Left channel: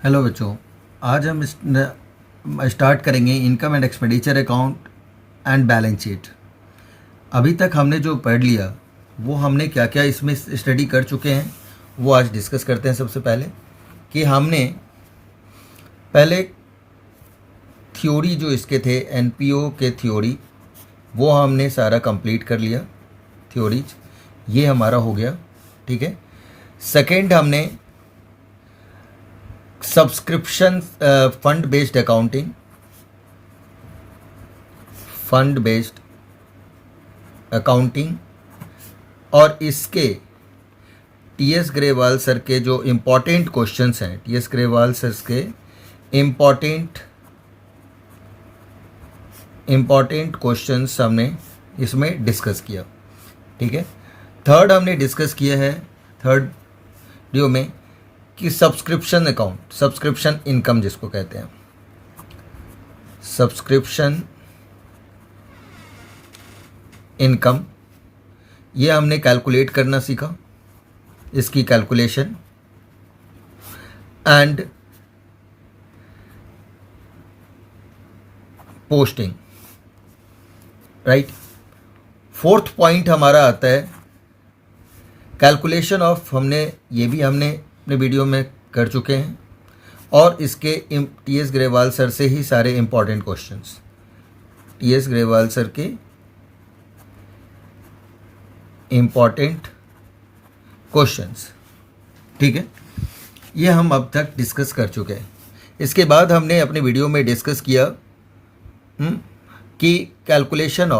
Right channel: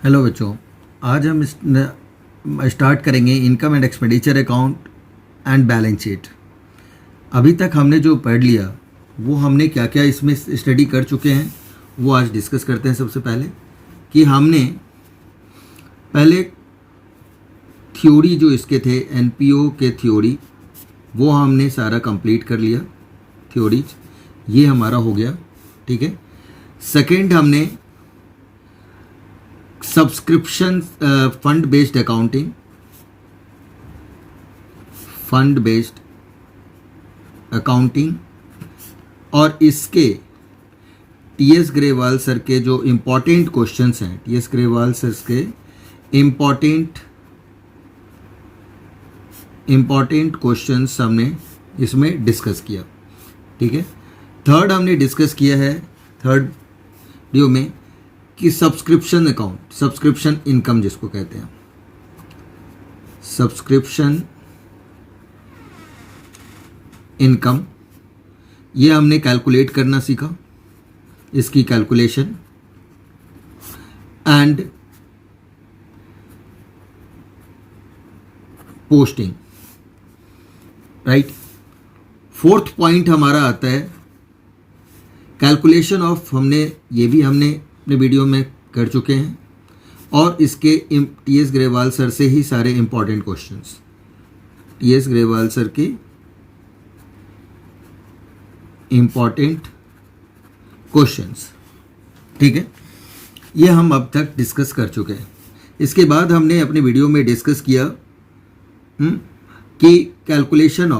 Hello बच्चों, आज हम स्टार्ट करेंगे income and expenditure account and balance sheet. अभी तक हमने जो पढ़ लिया वो हमने क्या क्या इसमें स्टडी कर चुके हैं वो आज डिस्कस करते हैं। सबसे पहले कि हमने पहले थ्योरी जो इसके थे एनपीओ के थ्योरी वो हमने सारा कंप्लीट कर लिया। थ्योरीज ये हमारा हो गया, ठीक है। सेकंड हमने सब्सक्रिप्शन फंड बेस्ड अकाउंटिंग और इसके टीएस ग्रेवाल सर के जो इम्पोर्टेंट क्वेश्चंस हैं, टीएस ग्रेवाल सर के इम्पोर्टेंट क्वेश्चंस हमने इसमें डिस्कस किया, ठीक है। थर्ड हमने डिस्कस किया है थर्ड वीडियो में कि सब्सक्रिप्शन अकाउंट, सब्सक्रिप्शन इनकम जिसको कहते हैं, सब्सक्रिप्शन इनकम, ये हमने कैलकुलेट करना सीखा, इसकी calculation and posting, right. Fourth point हमारा आता है कैलकुलेशन ऑफ, ये भी हमने अपने वीडियो में कर चुके हैं और इसके टीएस ग्रेवाल सर से ही सारे important questions, TS Grewal sir के इंपॉर्टेंट क्वेश्चंस, ठीक है। ये हम अब तक डिस्कस कर चुके हैं। इसके बाद हमने अपने वीडियो में डिस्कस किया कि calculation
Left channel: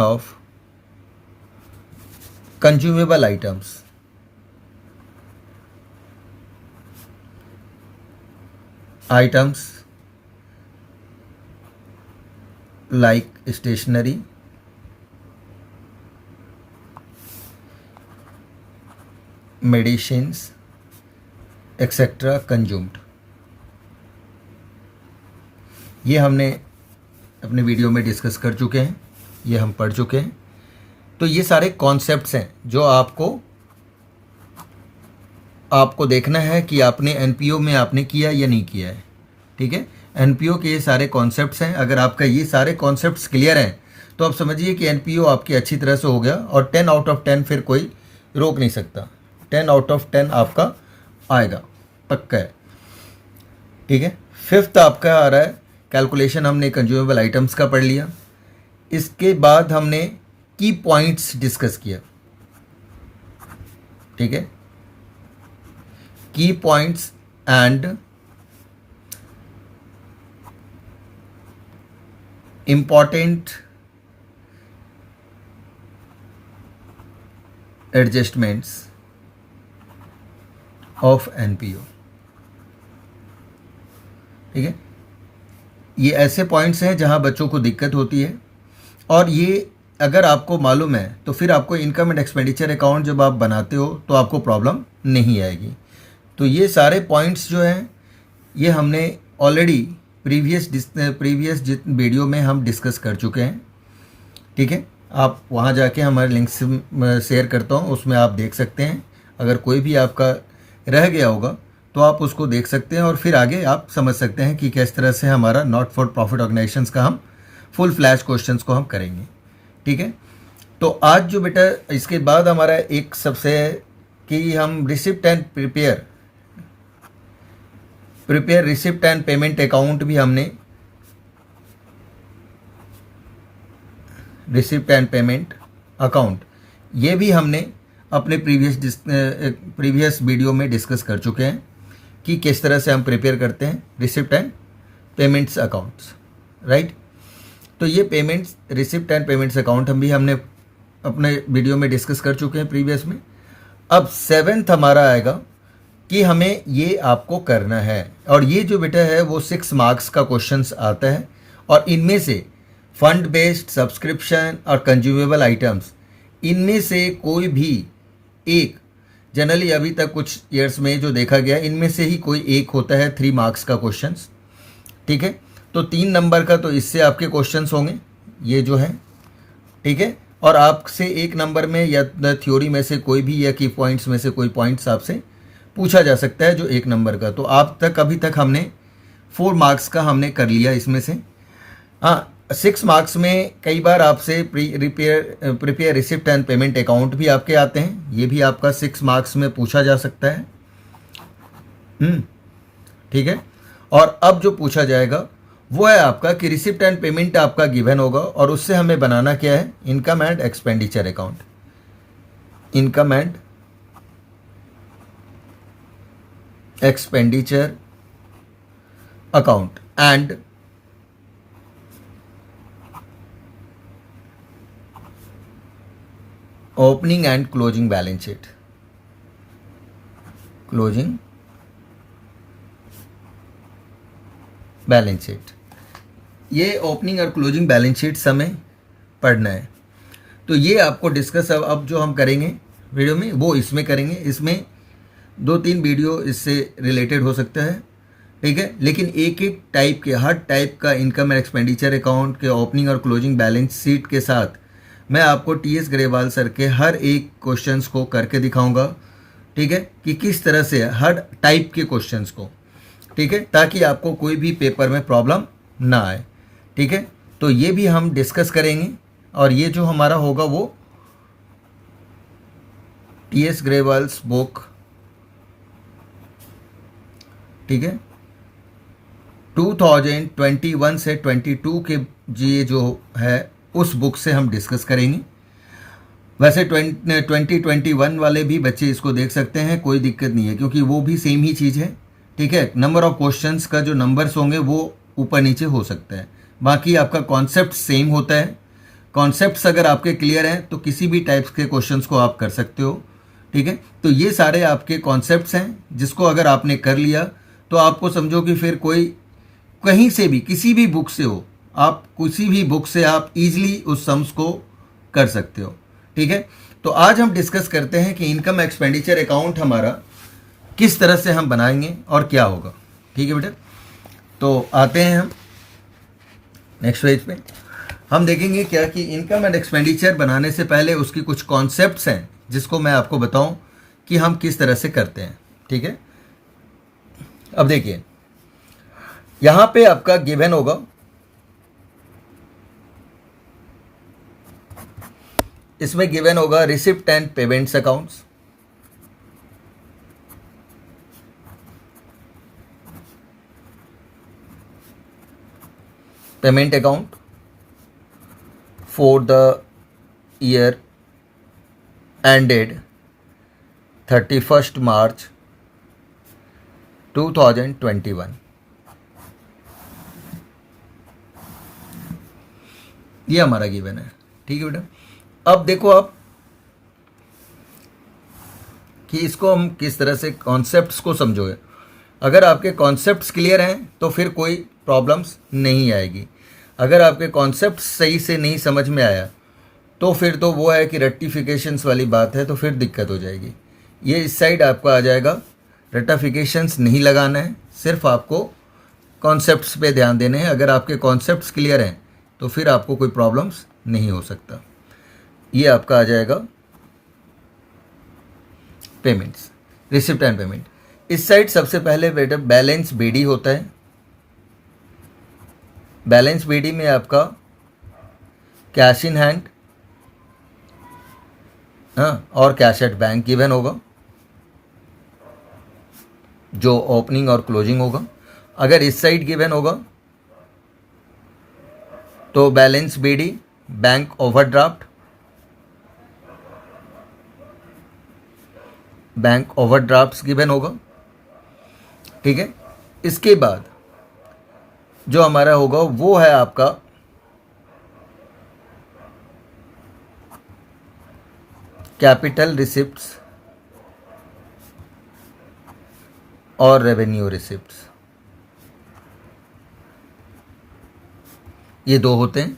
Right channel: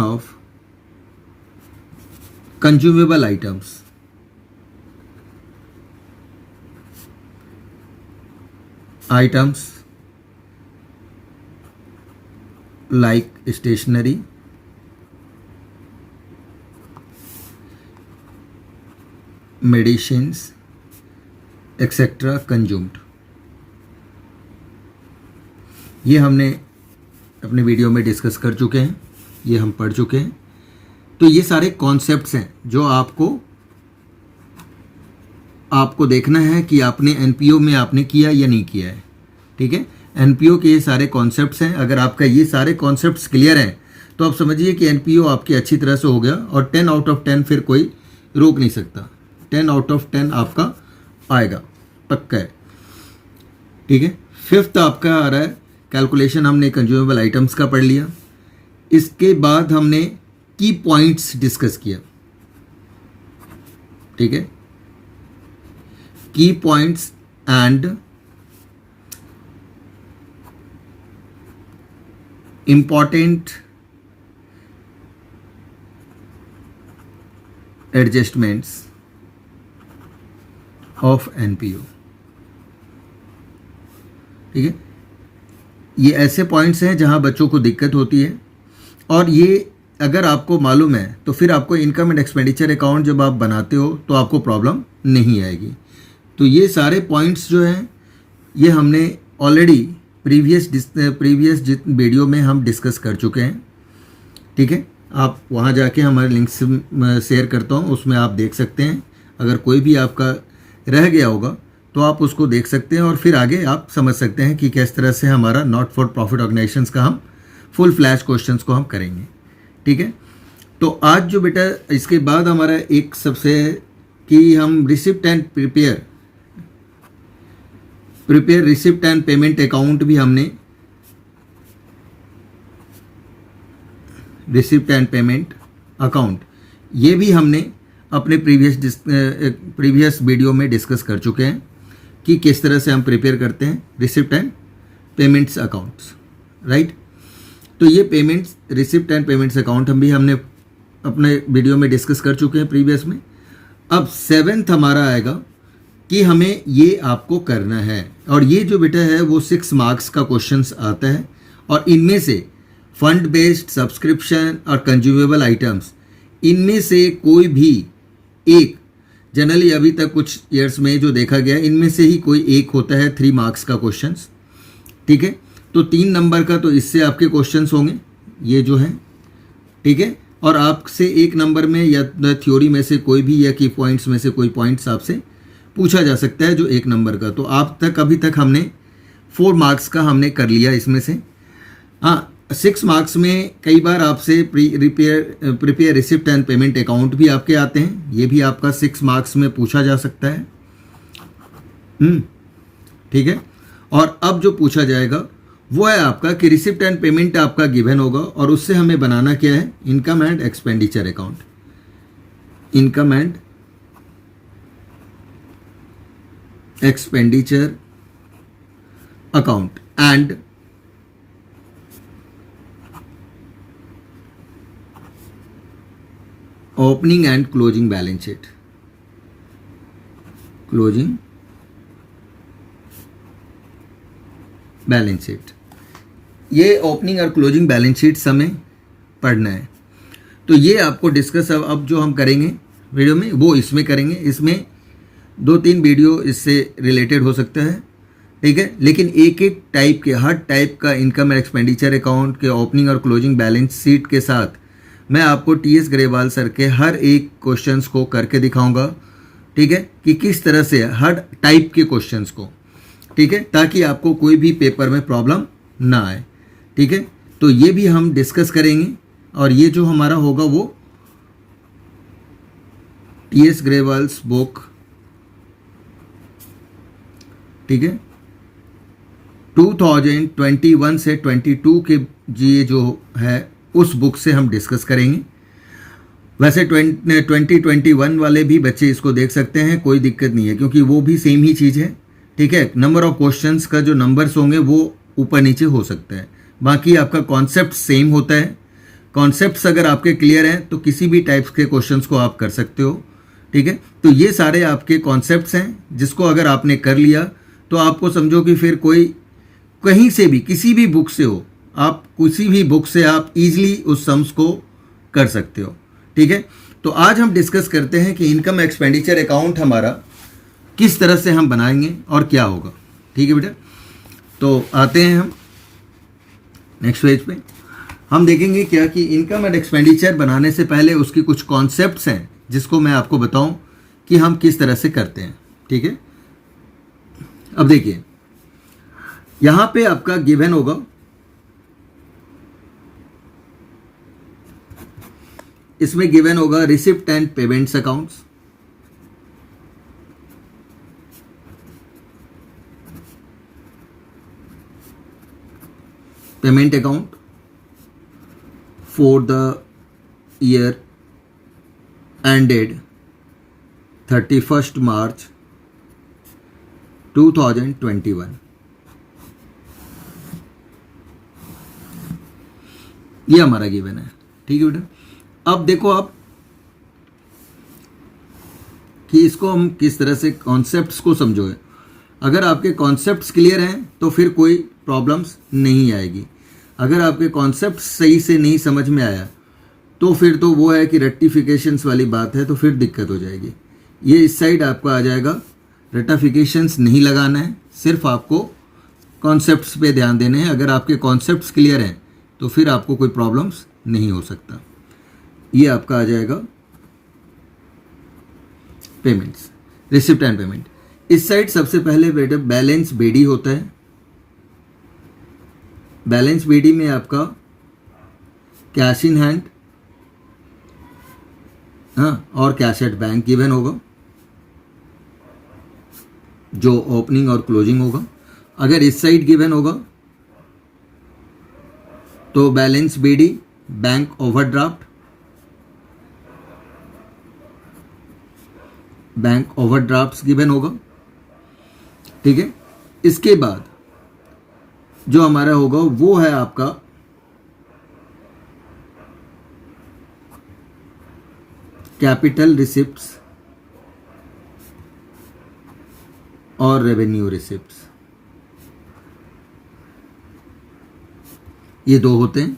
of consumable items like stationery, medicines etcetera consumed. ये हमने अपने वीडियो में डिस्कस कर चुके हैं, ये हम पढ़ चुके हैं। तो ये सारे कॉन्सेप्ट्स हैं जो आपको देखना है कि आपने एनपीओ में आपने किया या नहीं किया है, ठीक है। एनपीओ के ये सारे कॉन्सेप्ट्स हैं। अगर आपका ये सारे कॉन्सेप्ट्स क्लियर हैं तो आप समझिए कि एनपीओ आपकी अच्छी तरह से हो गया और 10 आउट ऑफ 10 फिर कोई रोक नहीं सकता। 10 आउट ऑफ 10 आपका आएगा, पक्का है, ठीक है। फिफ्थ आपका आ रहा है कैलकुलेशन, हमने कंज्यूमेबल आइटम्स का पढ़ लिया। इसके बाद हमने की पॉइंट्स डिस्कस किया, ठीक है। की points and important adjustments of NPO, ठीक है। ये ऐसे पॉइंट्स हैं जहां बच्चों को दिक्कत होती है और ये अगर आपको मालूम है तो फिर आपको इनकम एंड एक्सपेंडिचर अकाउंट जब आप बनाते हो तो आपको प्रॉब्लम नहीं आएगी। तो ये सारे पॉइंट्स जो हैं ये हमने ऑलरेडी प्रीवियस वीडियो में हम डिस्कस कर चुके हैं, ठीक है। आप वहाँ जाके हमारे लिंक शेयर करता हूँ, उसमें आप देख सकते हैं। अगर कोई भी आपका रह गया होगा तो आप उसको देख सकते हैं और फिर आगे आप समझ सकते हैं कि किस तरह से हमारा नॉट फॉर प्रॉफिट ऑर्गेनाइजेशंस का हम फुल फ्लैश क्वेश्चंस को हम करेंगे, ठीक है। तो आज जो बेटा इसके बाद हमारा एक सबसे कि हम receipt and prepare receipt and payment account भी हमने, रिसिप्ट एंड पेमेंट अकाउंट ये भी हमने अपने प्रीवियस वीडियो में डिस्कस कर चुके हैं कि किस तरह से हम प्रिपेयर करते हैं receipt and payments accounts, right. तो ये payments, receipt and payments account हमने अपने वीडियो में डिस्कस कर चुके हैं प्रीवियस में। अब 7th हमारा आएगा कि हमें ये आपको करना है और ये जो बेटा है वो 6 मार्क्स का क्वेश्चंस आता है और इनमें से फंड बेस्ड, सब्सक्रिप्शन और कंज्यूमेबल आइटम्स, इनमें से कोई भी एक, जनरली अभी तक कुछ ईयर्स में जो देखा गया इनमें से ही कोई एक होता है 3 मार्क्स का क्वेश्चंस, ठीक है। तो 3 नंबर का तो इससे आपके क्वेश्चंस होंगे ये जो है, ठीक है। और आपसे 1 नंबर में या थ्योरी में से कोई भी या की पॉइंट्स में से कोई पॉइंट्स आपसे पूछा जा सकता है जो 1 नंबर का। तो आप तक अभी तक हमने 4 मार्क्स का हमने कर लिया इसमें से। हाँ, 6 मार्क्स में कई बार आपसे prepare receipt and payment account भी आपके आते हैं, ये भी आपका 6 मार्क्स में पूछा जा सकता है। ठीक है। और अब जो पूछा जाएगा वो है आपका कि रिसिप्ट एंड पेमेंट आपका गिवन होगा और उससे हमें बनाना क्या है, income and expenditure account. Income and expenditure account and opening and closing balance sheet. Closing balance sheet, ये ओपनिंग और क्लोजिंग बैलेंस शीट हमें पढ़ना है। तो ये आपको डिस्कस अब जो हम करेंगे वीडियो में वो इसमें करेंगे। इसमें 2-3 वीडियो इससे रिलेटेड हो सकता है, ठीक है। लेकिन एक एक टाइप के, हर टाइप का इनकम एंड एक्सपेंडिचर अकाउंट के ओपनिंग और क्लोजिंग बैलेंस शीट के साथ मैं आपको टीएस ग्रेवाल सर के हर एक क्वेश्चंस को करके दिखाऊंगा, ठीक है, कि किस तरह से हर टाइप के क्वेश्चंस को, ठीक है, ताकि आपको कोई भी पेपर में प्रॉब्लम ना आए, ठीक है। तो ये भी हम डिस्कस करेंगे और ये जो हमारा होगा वो टीएस ग्रेवाल्स बुक, ठीक है, 2021 से 22 के ये जो है उस बुक से हम डिस्कस करेंगे। वैसे 2021 वाले भी बच्चे इसको देख सकते हैं, कोई दिक्कत नहीं है, क्योंकि वो भी सेम ही चीज़ है, ठीक है। नंबर ऑफ क्वेश्चंस का जो नंबर्स होंगे वो ऊपर नीचे हो सकता है, बाकी आपका कॉन्सेप्ट सेम होता है। कॉन्सेप्ट्स अगर आपके क्लियर हैं तो किसी भी टाइप्स के क्वेश्चंस को आप कर सकते हो, ठीक है। तो ये सारे आपके कॉन्सेप्ट्स हैं जिसको अगर आपने कर लिया तो आपको समझो कि फिर कोई कहीं से भी किसी भी बुक से हो, आप किसी भी बुक से आप इजीली उस सम्स को कर सकते हो, ठीक है। तो आज हम डिस्कस करते हैं कि इनकम एक्सपेंडिचर अकाउंट हमारा किस तरह से हम बनाएंगे और क्या होगा, ठीक है बेटा। तो आते हैं हम नेक्स्ट पेज पे। हम देखेंगे क्या कि इनकम एंड एक्सपेंडिचर बनाने से पहले उसकी कुछ कॉन्सेप्ट्स हैं जिसको मैं आपको बताऊं कि हम किस तरह से करते हैं, ठीक है। अब देखिए यहां पे आपका गिवन होगा, इसमें गिवन होगा receipt and payments accounts, payment account for the year ended 31st March 2021। ये हमारा गिवन है, ठीक है बेटा। अब देखो आप कि इसको हम किस तरह से कॉन्सेप्ट्स को समझोगे। अगर आपके कॉन्सेप्ट्स क्लियर हैं तो फिर कोई प्रॉब्लम्स नहीं आएगी। अगर आपके कॉन्सेप्ट सही से नहीं समझ में आया तो फिर तो वो है कि रेक्टिफिकेशंस वाली बात है, तो फिर दिक्कत हो जाएगी। ये इस साइड आपका आ जाएगा, रेक्टिफिकेशंस नहीं लगाना है, सिर्फ आपको कॉन्सेप्ट्स पे ध्यान देने हैं। अगर आपके कॉन्सेप्ट्स क्लियर हैं तो फिर आपको कोई प्रॉब्लम्स नहीं हो सकता। ये आपका आ जाएगा पेमेंट्स, रिसिप्ट एंड पेमेंट। इस साइड सबसे पहले बेटा बैलेंस बीडी होता है। बैलेंस बीडी में आपका कैश इन हैंड, हाँ, और कैश एट बैंक गिवन होगा, जो ओपनिंग और क्लोजिंग होगा। अगर इस साइड गिवन होगा तो balance BD, bank overdraft, bank overdrafts given होगा, ठीक है। इसके बाद जो हमारा होगा वो है आपका कैपिटल रिसिप्ट्स और रेवेन्यू रिसिप्ट्स, ये दो होते हैं।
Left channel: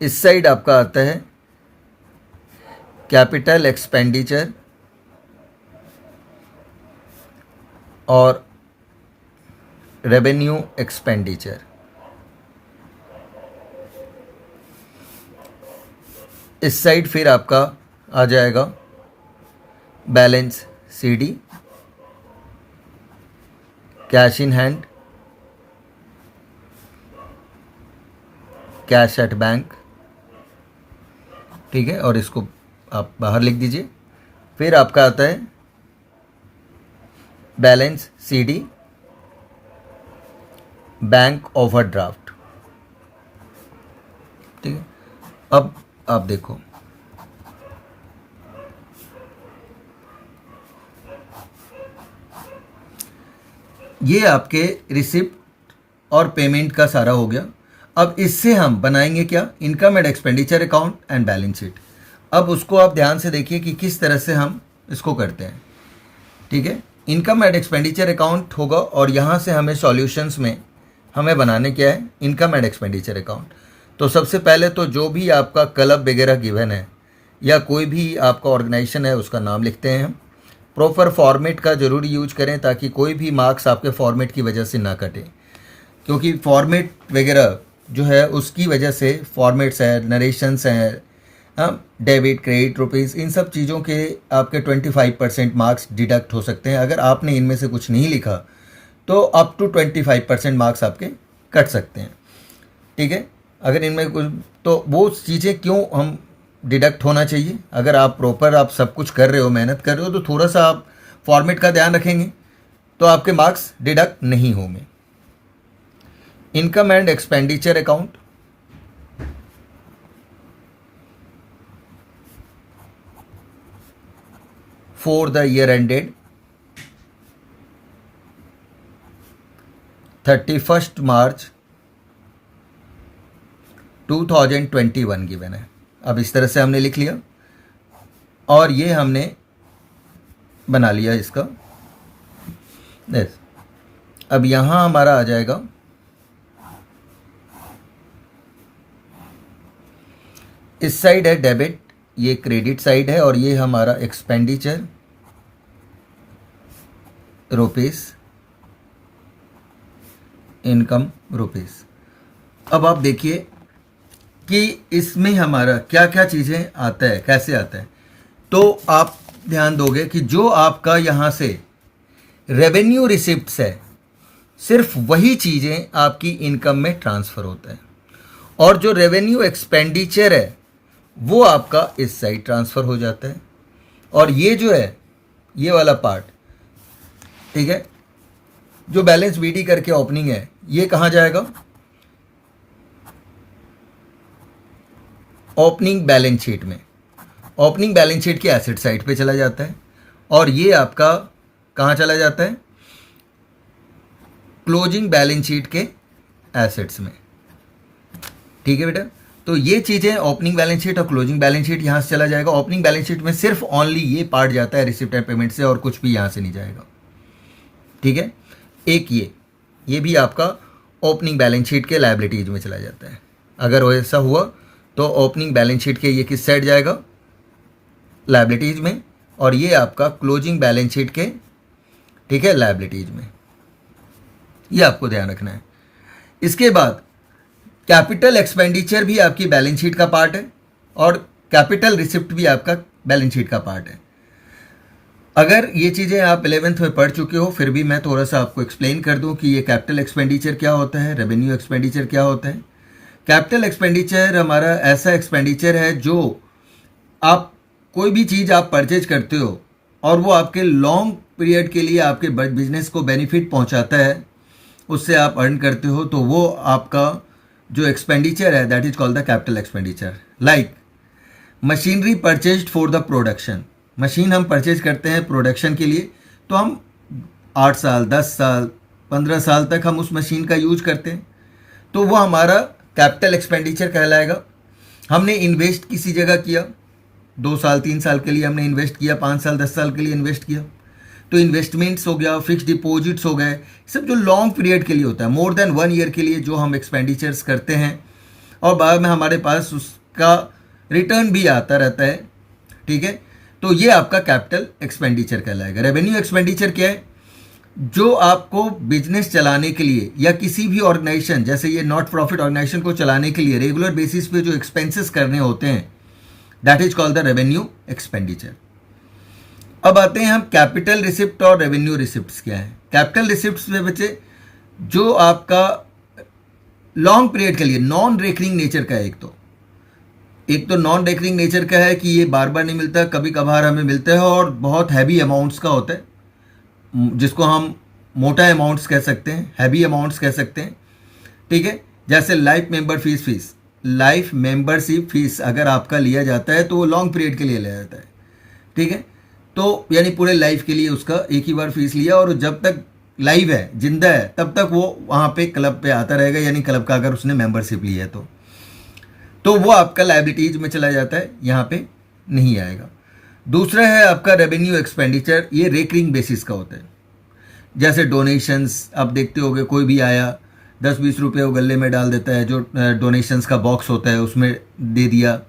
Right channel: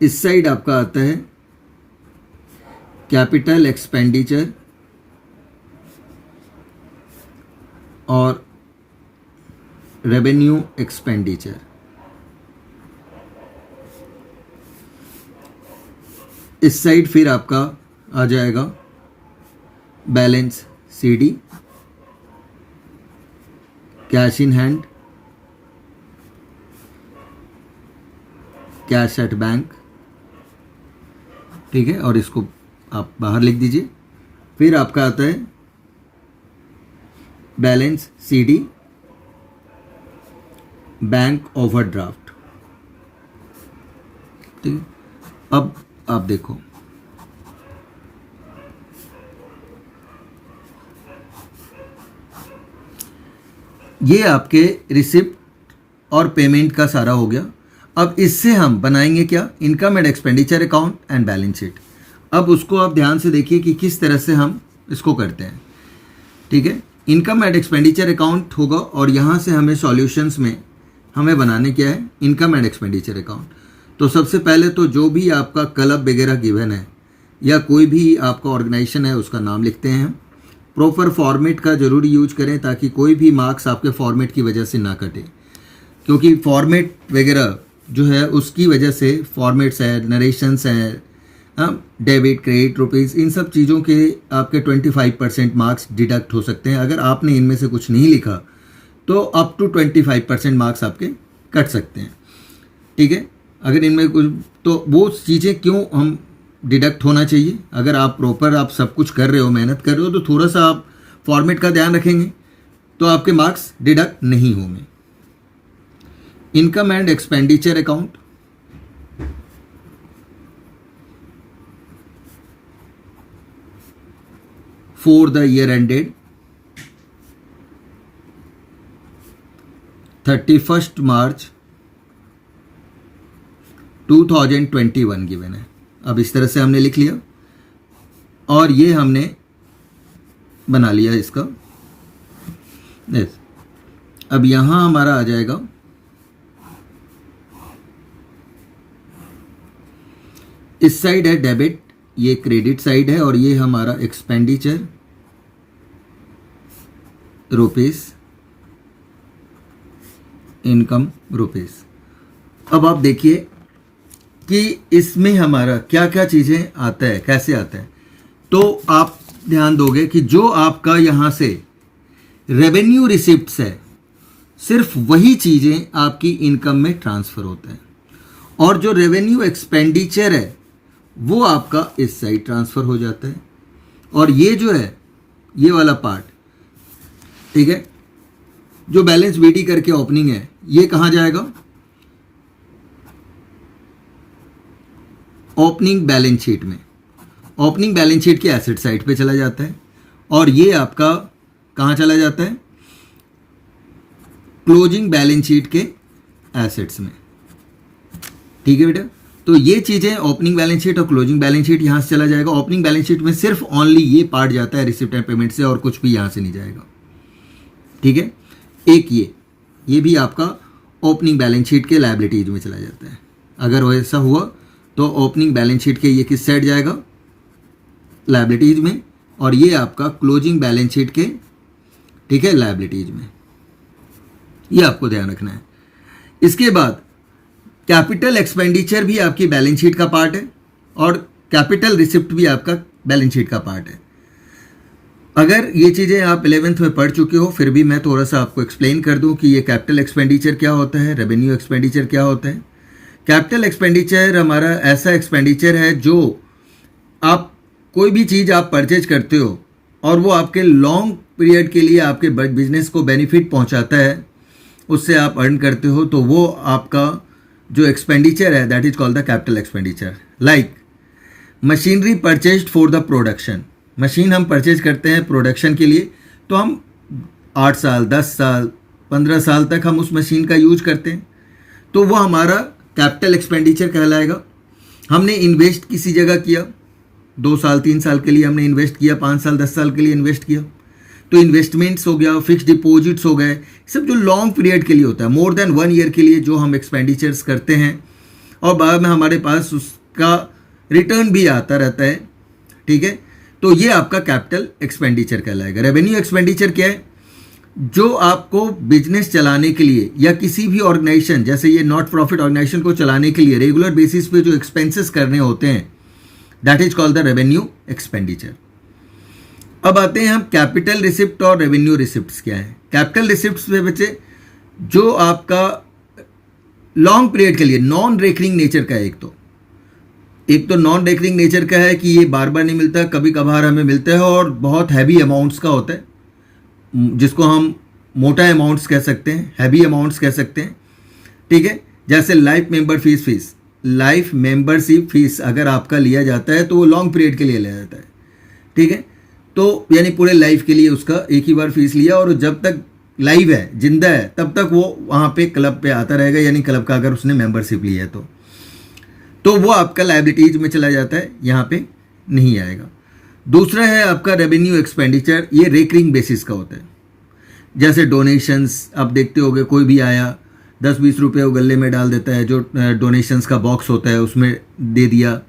इस साइड आपका आता है कैपिटल एक्सपेंडिचर और रेवेन्यू एक्सपेंडिचर। इस साइड फिर आपका आ जाएगा balance CD cash in hand, cash at bank, ठीक है, और इसको आप बाहर लिख दीजिए। फिर आपका आता है बैलेंस सीडी, बैंक ओवरड्राफ्ट, ठीक है। अब आप देखो, ये आपके रिसिप्ट और पेमेंट का सारा हो गया। अब इससे हम बनाएंगे क्या, income and expenditure account and balance sheet. अब उसको आप ध्यान से देखिए कि किस तरह से हम इसको करते हैं, ठीक है। इनकम एंड एक्सपेंडिचर अकाउंट होगा और यहाँ से हमें सॉल्यूशंस में हमें बनाने क्या है, इनकम एंड एक्सपेंडिचर अकाउंट। तो सबसे पहले तो जो भी आपका क्लब वगैरह गिवन है या कोई भी आपका ऑर्गेनाइजेशन है उसका नाम लिखते हैं हम। प्रॉपर फॉर्मेट का ज़रूर यूज करें ताकि कोई भी मार्क्स आपके फॉर्मेट की वजह से ना कटे, क्योंकि फॉर्मेट वगैरह जो है उसकी वजह से फॉर्मेट्स है, नरेशंस हैं, डेबिट क्रेडिट रुपीज़, इन सब चीज़ों के आपके 25% मार्क्स डिडक्ट हो सकते हैं। अगर आपने इनमें से कुछ नहीं लिखा तो अप टू 25% मार्क्स आपके कट सकते हैं, ठीक है। अगर इनमें कुछ, तो वो चीज़ें क्यों हम डिडक्ट होना चाहिए, अगर आप प्रॉपर आप सब कुछ कर रहे हो, मेहनत कर रहे हो, तो थोड़ा सा आप फॉर्मेट का ध्यान रखेंगे तो आपके मार्क्स डिडक्ट नहीं होंगे। Income and expenditure account, for the year ended 31 March 2021 given है। अब इस तरह से हमने लिख लिया और ये हमने बना लिया इसका। यस, अब यहाँ हमारा आ जाएगा इस साइड है डेबिट, ये क्रेडिट साइड है, और ये हमारा एक्सपेंडिचर रुपीस, इनकम रुपीस। अब आप देखिए कि इसमें हमारा क्या क्या चीज़ें आता है, कैसे आता है। तो आप ध्यान दोगे कि जो आपका यहाँ से रेवेन्यू रिसिप्ट्स है, सिर्फ वही चीज़ें आपकी इनकम में ट्रांसफ़र होता है, और जो रेवेन्यू एक्सपेंडिचर है वो आपका इस साइड ट्रांसफ़र हो जाता है। और ये जो है, ये वाला पार्ट, ठीक है, जो बैलेंस बीडी करके ओपनिंग है, ये कहाँ जाएगा, ओपनिंग बैलेंस शीट में। ओपनिंग बैलेंस शीट के एसेट साइड पे चला जाता है, और ये आपका कहाँ चला जाता है, क्लोजिंग बैलेंस शीट के एसेट्स में, ठीक है बेटा। तो ये चीज़ें ओपनिंग बैलेंस शीट और क्लोजिंग बैलेंस शीट यहाँ से चला जाएगा। ओपनिंग बैलेंस शीट में सिर्फ ओनली ये पार्ट जाता है रिसिप्ट एंड पेमेंट से, और कुछ भी यहाँ से नहीं जाएगा, ठीक है। एक ये भी आपका ओपनिंग बैलेंस शीट के लायबिलिटीज में चला जाता है। अगर ऐसा हुआ तो ओपनिंग बैलेंस शीट के ये किस साइड जाएगा, लायबिलिटीज में, और ये आपका क्लोजिंग बैलेंस शीट के, ठीक है, लायबिलिटीज में। ये आपको ध्यान रखना है। इसके बाद कैपिटल एक्सपेंडिचर भी आपकी बैलेंस शीट का पार्ट है, और कैपिटल रिसिप्ट भी आपका बैलेंस शीट का पार्ट है। अगर ये चीज़ें आप 11th में पढ़ चुके हो, फिर भी मैं थोड़ा सा आपको एक्सप्लेन कर दूं कि ये कैपिटल एक्सपेंडिचर क्या होता है, रेवेन्यू एक्सपेंडिचर क्या होता है। कैपिटल एक्सपेंडिचर हमारा ऐसा एक्सपेंडिचर है जो आप कोई भी चीज़ आप परचेज करते हो और वो आपके लॉन्ग पीरियड के लिए आपके बिजनेस को बेनिफिट पहुंचाता है, उससे आप अर्न करते हो, तो वो आपका जो एक्सपेंडिचर है that is called the capital expenditure. Like machinery purchased for the production, machine हम परचेज करते हैं प्रोडक्शन के लिए, तो हम 8 साल 10 साल 15 साल तक हम उस मशीन का यूज करते हैं, तो वो हमारा कैपिटल एक्सपेंडिचर कहलाएगा। हमने इन्वेस्ट किसी जगह किया, 2 साल 3 साल के लिए हमने इन्वेस्ट किया, 5 साल 10 साल के लिए इन्वेस्ट किया, तो इन्वेस्टमेंट्स हो गया, फिक्स डिपॉजिट्स हो गए, सब जो लॉन्ग पीरियड के लिए होता है, मोर देन 1 ईयर के लिए जो हम एक्सपेंडिचर्स करते हैं, और बाद में हमारे पास उसका रिटर्न भी आता रहता है, ठीक है। तो ये आपका कैपिटल एक्सपेंडिचर कहलाएगा। रेवेन्यू एक्सपेंडिचर क्या है, जो आपको बिजनेस चलाने के लिए या किसी भी ऑर्गेनाइजेशन, जैसे ये नॉट प्रॉफिट ऑर्गेनाइजेशन को चलाने के लिए रेगुलर बेसिस पे जो एक्सपेंसेस करने होते हैं, that is called the revenue expenditure. अब आते हैं हम कैपिटल रिसिप्ट और रेवेन्यू रिसिप्ट्स क्या है। कैपिटल रिसिप्ट्स में बच्चे जो आपका लॉन्ग पीरियड के लिए नॉन रेकरिंग नेचर का है, एक तो नॉन रेकरिंग नेचर का है कि ये बार बार नहीं मिलता, कभी कभार हमें मिलता है और बहुत हैवी अमाउंट्स का होता है, जिसको हम मोटा अमाउंट्स कह सकते हैं, हैवी अमाउंट्स कह सकते हैं, ठीक है। जैसे लाइफ मेंबरशिप फीस अगर आपका लिया जाता है तो वो लॉन्ग पीरियड के लिए लिया जाता है, ठीक है। तो यानी पूरे लाइफ के लिए उसका एक ही बार फीस लिया और जब तक लाइव है, जिंदा है, तब तक वो वहाँ पे क्लब पे आता रहेगा, यानी क्लब का अगर उसने मेंबरशिप लिया है तो वो आपका लायबिलिटीज में चला जाता है, यहाँ पे नहीं आएगा। दूसरा है आपका रेवेन्यू एक्सपेंडिचर, ये रेकरिंग बेसिस का होता है। जैसे डोनेशंस आप देखते होगे, कोई भी आया 10-20 रुपये वो गले में डाल देता है, जो डोनेशंस का बॉक्स होता है उसमें दे दिया,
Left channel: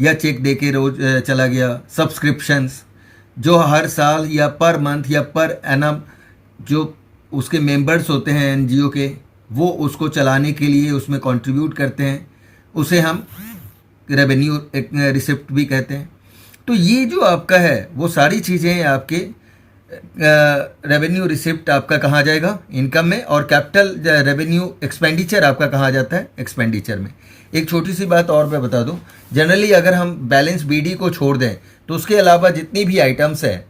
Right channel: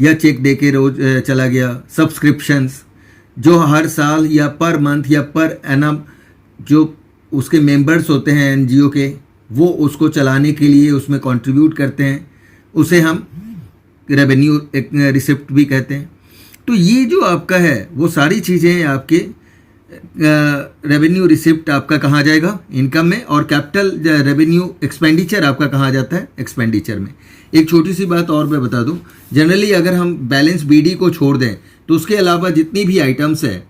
या चेक दे के रोज चला गया। सब्सक्रिप्शंस जो हर साल या पर मंथ या पर एनम जो उसके मेंबर्स होते हैं एनजीओ के, वो उसको चलाने के लिए उसमें कंट्रीब्यूट करते हैं, उसे हम रेवेन्यू रिसिप्ट भी कहते हैं। तो ये जो आपका है वो सारी चीज़ें आपके रेवेन्यू रिसिप्ट आपका कहाँ जाएगा, इनकम में, और कैपिटल रेवेन्यू एक्सपेंडिचर आपका कहाँ जाता है, एक्सपेंडिचर में। एक छोटी सी बात और मैं बता दूं, जनरली अगर हम बैलेंस बीडी को छोड़ दें तो उसके अलावा जितनी भी आइटम्स है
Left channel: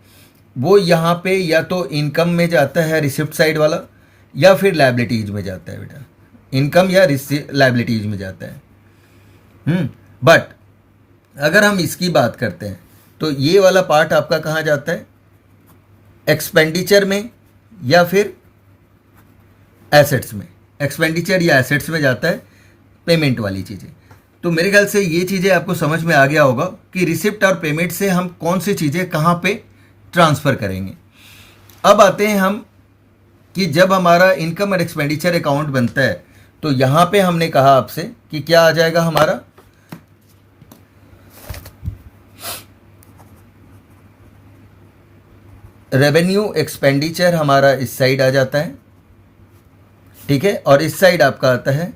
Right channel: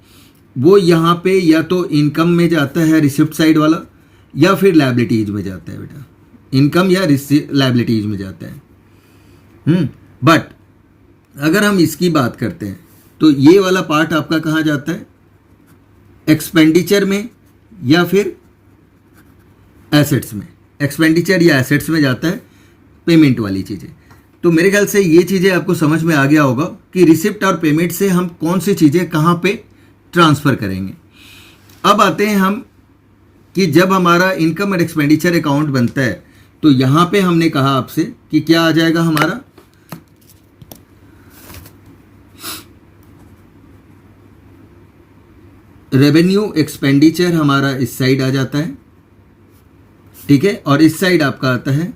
वो यहाँ पे या तो इनकम में जाता है रिसिप्ट साइड वाला, या फिर लायबिलिटीज में जाता है बेटा, इनकम या लायबिलिटीज में जाता है। बट अगर हम इसकी बात करते हैं तो ये वाला पार्ट आपका कहाँ जाता है, एक्सपेंडिचर में या फिर एसेट्स में। एक्सपेंडिचर या एसेट्स में जाता है पेमेंट वाली चीज़ें। तो मेरे ख्याल से ये चीज़ें आपको समझ में आ गया होगा कि रिसिप्ट और पेमेंट से हम कौन सी चीज़ें कहाँ पे ट्रांसफ़र करेंगे। अब आते हैं हम कि जब हमारा इनकम और एक्सपेंडिचर अकाउंट बनता है तो यहाँ पे हमने कहा आपसे कि क्या आ जाएगा हमारा, रेवेन्यू एक्सपेंडिचर हमारा इस साइड आ जाता है, ठीक है, और इस साइड आपका आता है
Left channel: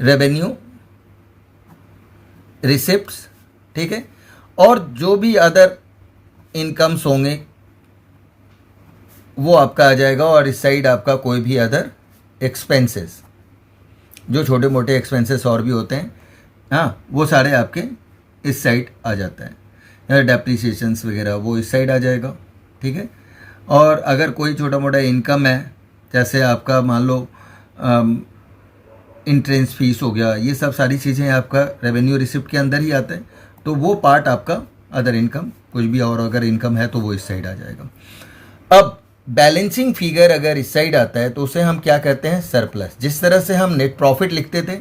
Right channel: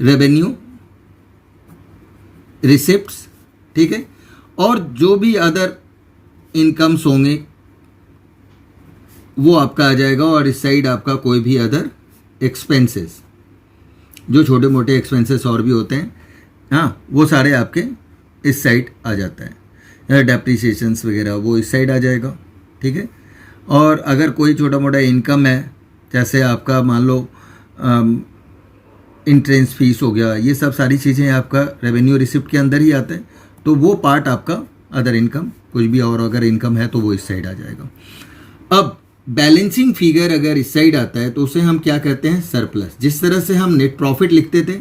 रेवेन्यू रिसिप्ट्स, ठीक है, और जो भी अदर इनकम्स होंगे वो आपका आ जाएगा, और इस साइड आपका कोई भी अदर एक्सपेंसेस, जो छोटे मोटे एक्सपेंसेस और भी होते हैं, हाँ, वो सारे आपके इस साइड आ जाता है। डेप्रिसिएशंस वगैरह वो इस साइड आ जाएगा, ठीक है। और अगर कोई छोटा मोटा इनकम है, जैसे आपका मान लो इंट्रेंस फीस हो गया, ये सब सारी चीज़ें आपका रेवेन्यू रिसिप्ट के अंदर ही आता है, तो वो पार्ट आपका अदर इनकम, कुछ भी और अगर इनकम है तो वो इस साइड आ जाएगा। अब बैलेंसिंग फिगर अगर इस साइड आता है तो उसे हम क्या कहते हैं, सरप्लस। जिस तरह से हम नेट प्रॉफिट लिखते थे,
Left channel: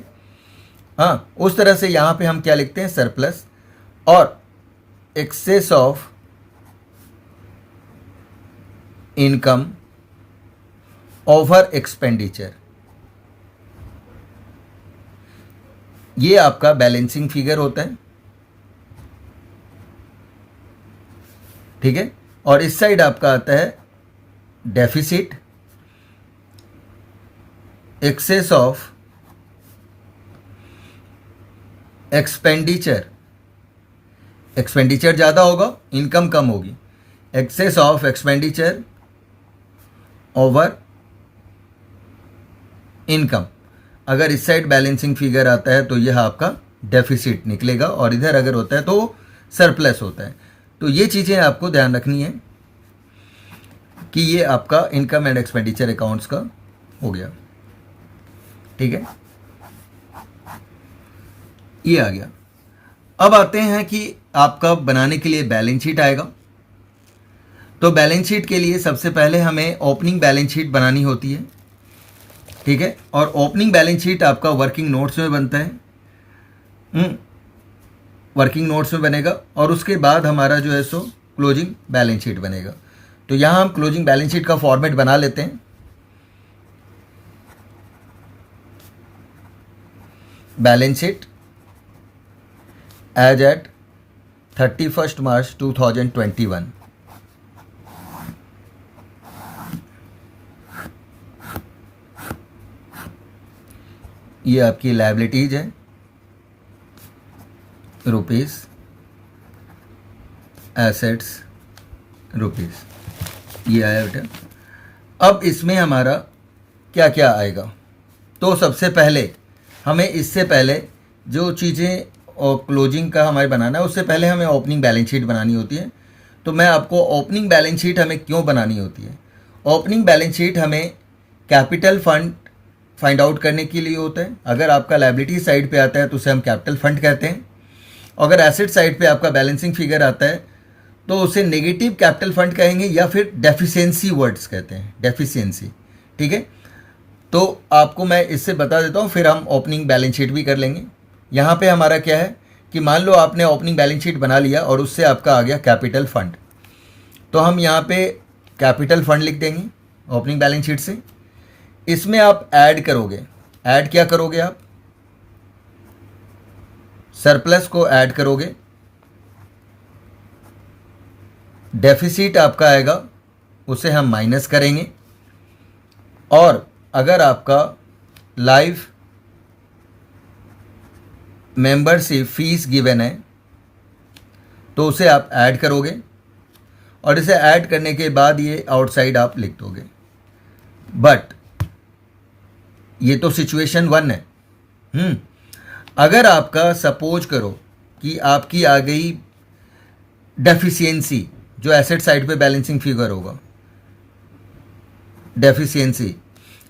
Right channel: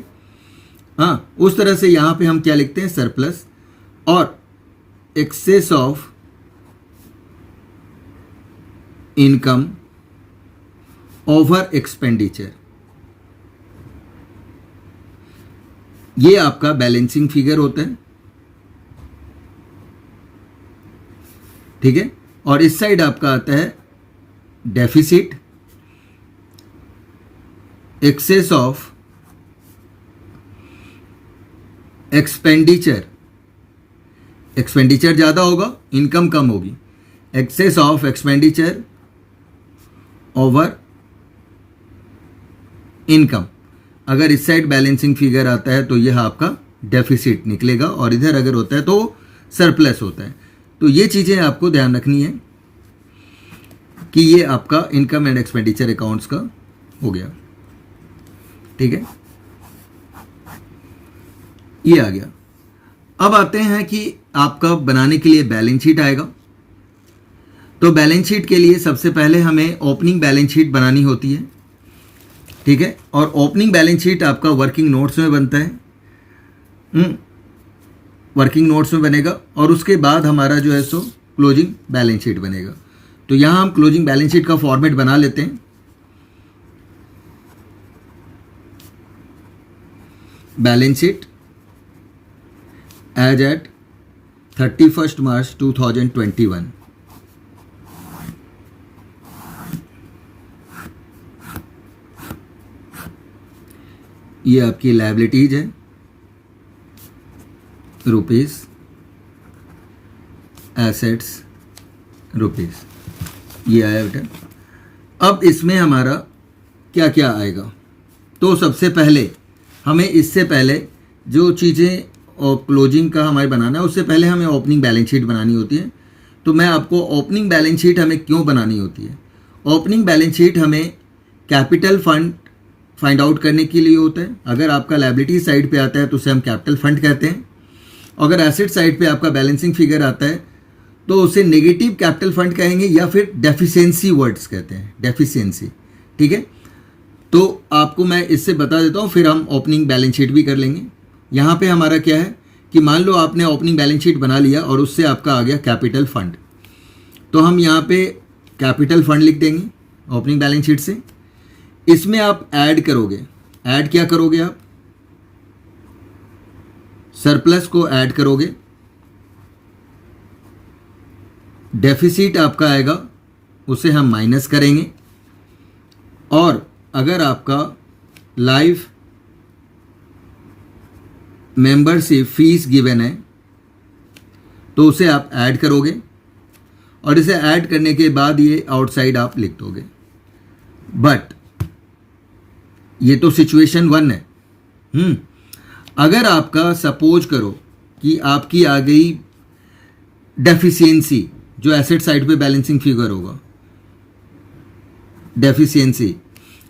हाँ, उस तरह से यहाँ पे हम क्या लिखते हैं, सरप्लस, और excess of income over expenditure, ये आपका बैलेंसिंग फिगर होता है, ठीक है। और इस साइड आपका आता है deficit, excess of expenditure, expenditure ज़्यादा होगा, इनकम कम होगी, excess of expenditure over income. अगर इस साइड बैलेंसिंग फिगर आता है तो यह आपका डेफिसिट निकलेगा, और इधर अगर होता है तो सरप्लस होता है। तो ये चीज़ें आपको ध्यान रखनी है कि ये आपका इनकम एंड एक्सपेंडिचर अकाउंट्स का हो गया, ठीक है, ये आ गया। अब आते हैं कि आपका बनाने के लिए बैलेंस शीट आएगा। तो बैलेंस शीट के लिए सबसे पहले हमें ओपनिंग बैलेंस शीट बनानी होती है, ठीक है, और ओपनिंग बैलेंस शीट आपका वर्किंग नोट्स में बनता है, वर्किंग नोट्स में बनेगा, और उसके बाद हमारा जो है सो क्लोजिंग बैलेंस शीट बनेगा। तो यहाँ हम क्लोजिंग बैलेंस शीट का फॉर्मेट बना लेते हैं। बैलेंस शीट एज एट 31 मार्च 2021, ये आपकी लायबिलिटीज है, रुपीस, एसेट्स रुपीस, ये आया बेटा। अब इसमें हमारा क्या क्या आएगा, तो सबसे पहले हमें इससे पहले जो चीज़ें और क्लोजिंग का हमारे बनाना है, उससे पहले हमें ओपनिंग बैलेंस शीट बनानी होती है। तो मैं आपको ओपनिंग बैलेंस शीट हमें क्यों बनानी होती है, ओपनिंग बैलेंस शीट हमें कैपिटल फंड फाइंड आउट करने के लिए होता है। अगर आपका लायबिलिटी साइड पे आता है तो उसे हम कैपिटल फंड कहते हैं। अगर एसेट साइड पे आपका बैलेंसिंग फिगर आता है तो उसे नेगेटिव कैपिटल फंड कहेंगे या फिर डेफिशिएंसी वर्ड्स कहते हैं, डेफिशिएंसी। ठीक है, तो आपको मैं इससे बता देता हूँ, फिर हम ओपनिंग बैलेंस शीट भी कर लेंगे। यहाँ पे हमारा क्या है कि मान लो आपने ओपनिंग बैलेंस शीट बना लिया और उससे आपका आ गया कैपिटल फंड, तो हम यहाँ पे कैपिटल फंड लिख देंगे ओपनिंग बैलेंस शीट से। इसमें आप ऐड करोगे, ऐड क्या करोगे आप, सरप्लस को ऐड करोगे, डेफिसिट आपका आएगा उसे हम माइनस करेंगे, और अगर आपका लाइफ मेंबरशिप फीस गिवन है तो उसे आप ऐड करोगे, और इसे ऐड करने के बाद ये आउटसाइड आप लिख दोगे। बट ये तो सिचुएशन 1 है। अगर आपका सपोज करो कि आपकी आ गई डेफिशिएंसी, जो एसेट साइड पे बैलेंसिंग फिगर होगा डेफिशिएंसी,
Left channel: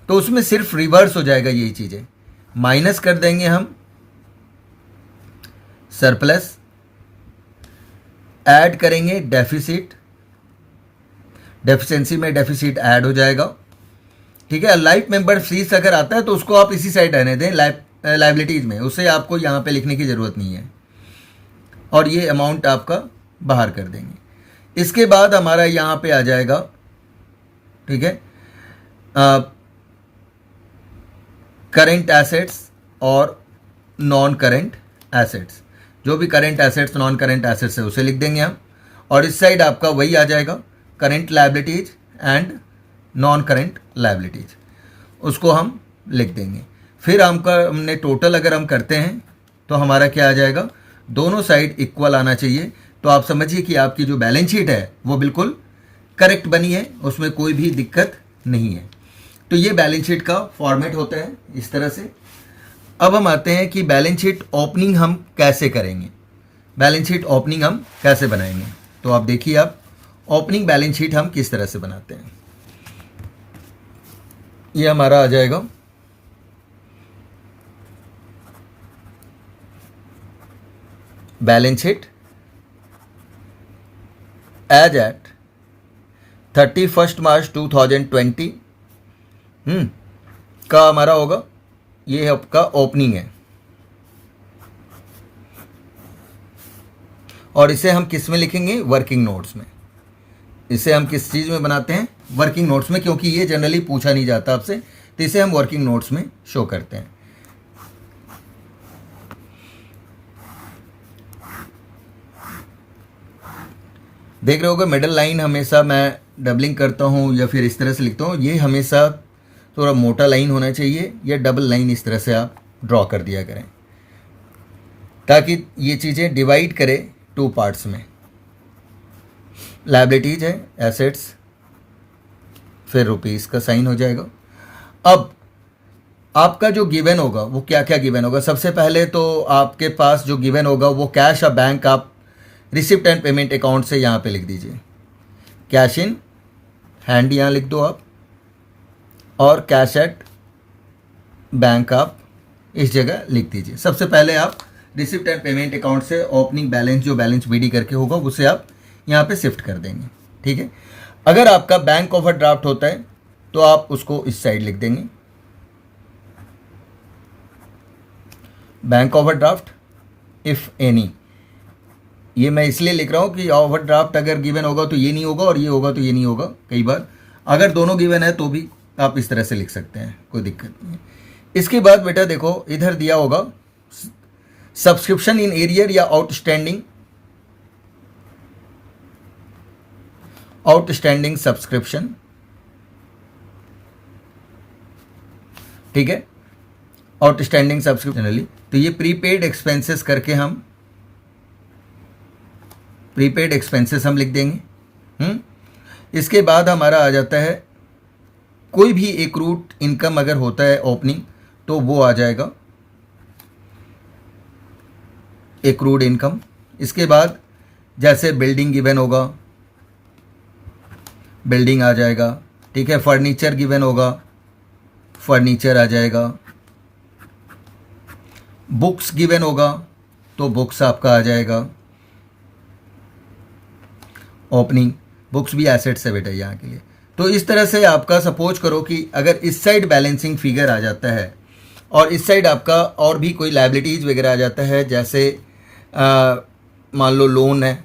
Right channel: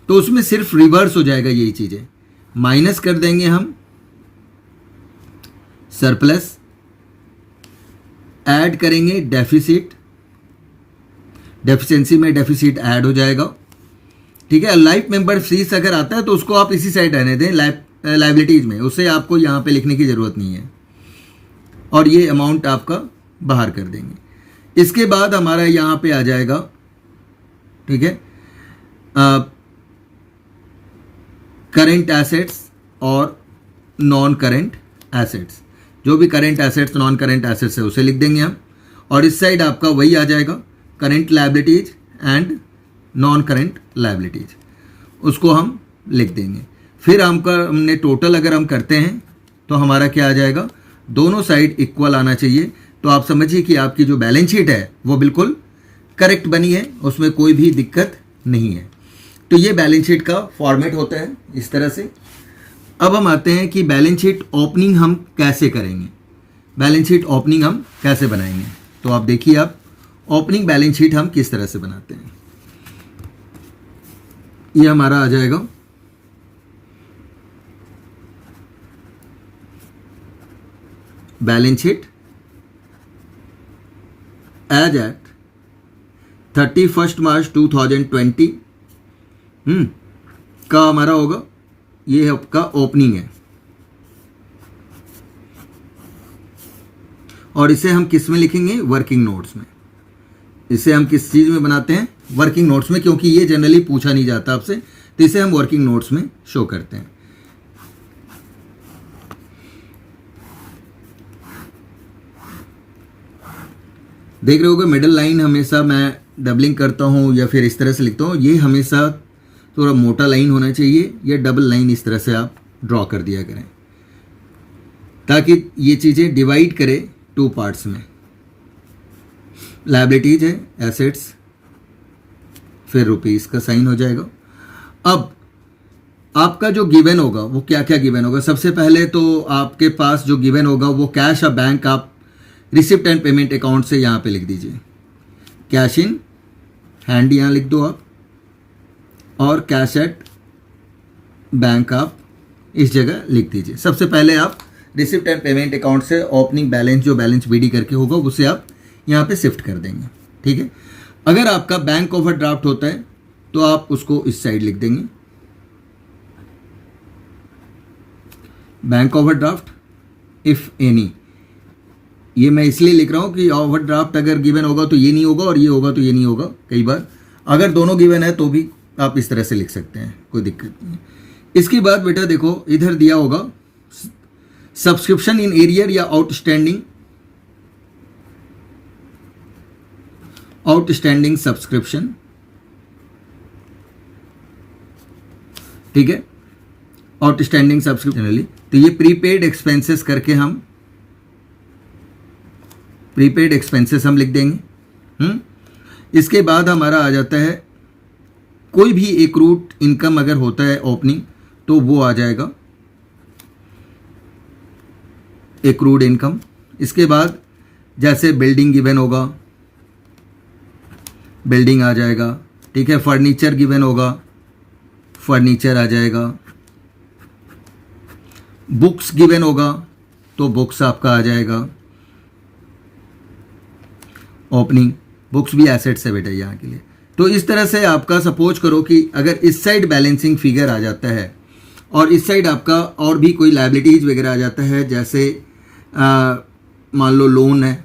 तो उसमें सिर्फ रिवर्स हो जाएगा यही चीज़ें, माइनस कर देंगे हम सरप्लस, ऐड करेंगे डेफिसिट, डेफिशिएंसी में डेफिसिट ऐड हो जाएगा। ठीक है, लाइफ मेंबर फीस अगर आता है तो उसको आप इसी साइड रहने दें लाइबिलिटीज में, उसे आपको यहाँ पे लिखने की ज़रूरत नहीं है, और ये अमाउंट आपका बाहर कर देंगे। इसके बाद हमारा यहाँ पे आ जाएगा, ठीक है, करेंट एसेट्स और नॉन करेंट एसेट्स। जो भी current assets non current assets है उसे लिख देंगे हम, और इस साइड आपका वही आ जाएगा current liabilities and non current liabilities, उसको हम लिख देंगे। फिर हमने टोटल अगर हम करते हैं तो हमारा क्या आ जाएगा, दोनों साइड इक्वल आना चाहिए। तो आप समझिए कि आपकी जो बैलेंस शीट है वो बिल्कुल करेक्ट बनी है, उसमें कोई भी दिक्कत नहीं है। तो ये बैलेंस शीट का फॉर्मेट होता है इस तरह से। अब हम आते हैं कि बैलेंस शीट ओपनिंग हम कैसे करेंगे, बैलेंस शीट ओपनिंग हम कैसे बनाएंगे। तो आप देखिए, आप ओपनिंग बैलेंस शीट हम किस तरह से बनाते हैं। ये हमारा आ जाएगा बैलेंस शीट एज एट 31 मार्च 2020 का हमारा होगा, ये आपका ओपनिंग है। और इसे हम किस में लिखेंगे, वर्किंग नोट्स में। इसे हम किस चीज़ में बनाते हैं, वर्किंग नोट्स में, क्योंकि ये जनरली पूछा नहीं जाता आपसे, तो इसे हम वर्किंग नोट्स में शो करते हैं। देख रहे होगे मिडल लाइन हमेशा मैं डबलिंग करता हूँ या फिर इस तरह से लिखता हूँ, ये हमेशा थोड़ा मोटा लाइन होना चाहिए, या डबल लाइन इस तरह से आप ड्रॉ कर दिया करें, ताकि ये चीज़ें डिवाइड करे 2 पार्ट्स में। लायबिलिटीज है एसेट्स, फिर रुपीस का साइन हो जाएगा। अब आपका जो गिवन होगा वो क्या क्या गिवन होगा, सबसे पहले तो आपके पास जो गिवन होगा वो कैश या बैंक, आप रिसिप्ट एंड पेमेंट अकाउंट से यहाँ पे लिख दीजिए, कैश इन हैंड यहाँ लिख दो आप, और कैश एट बैंक आप इस जगह लिख दीजिए। सबसे पहले आप रिसिप्ट एंड पेमेंट अकाउंट से ओपनिंग बैलेंस, जो बैलेंस बीडी करके होगा, उसे आप यहाँ पे शिफ्ट कर देंगे। ठीक है, अगर आपका बैंक ओवरड्राफ्ट होता है तो आप उसको इस साइड लिख देंगे, बैंक ओवरड्राफ्ट इफ एनी। ये मैं इसलिए लिख रहा हूँ कि ओवरड्राफ्ट अगर गिवन होगा तो ये नहीं होगा, और ये होगा तो ये नहीं होगा। कई बार अगर दोनों गिवन है तो भी आप इस तरह से लिख सकते हैं, कोई दिक्कत नहीं। इसके बाद बेटा देखो, इधर दिया होगा सब्सक्रिप्शन इन एरियर या आउटस्टैंडिंग सब्सक्रिप्शन। ठीक है, आउटस्टैंडिंग सब्सक्रिप्शन, तो ये प्रीपेड एक्सपेंसेस करके हम प्रीपेड एक्सपेंसेस हम लिख देंगे। इसके बाद हमारा आ जाता है कोई भी एक रूट इनकम अगर होता है ओपनिंग तो वो आ जाएगा एक्रूड इनकम। इसके बाद जैसे बिल्डिंग गिवन होगा, बिल्डिंग आ जाएगा, ठीक है। फर्नीचर गिवन होगा, फर्नीचर आ जाएगा। बुक्स गिवन होगा तो बुक्स आपका आ जाएगा ओपनिंग। बुक्स भी एसेट्स है बेटा यहाँ के लिए। तो इस तरह से आपका सपोज करो कि अगर इस साइड बैलेंसिंग फिगर आ जाता है और इस साइड आपका और भी कोई लायबिलिटीज़ वगैरह आ जाता है, जैसे मान लो लोन है,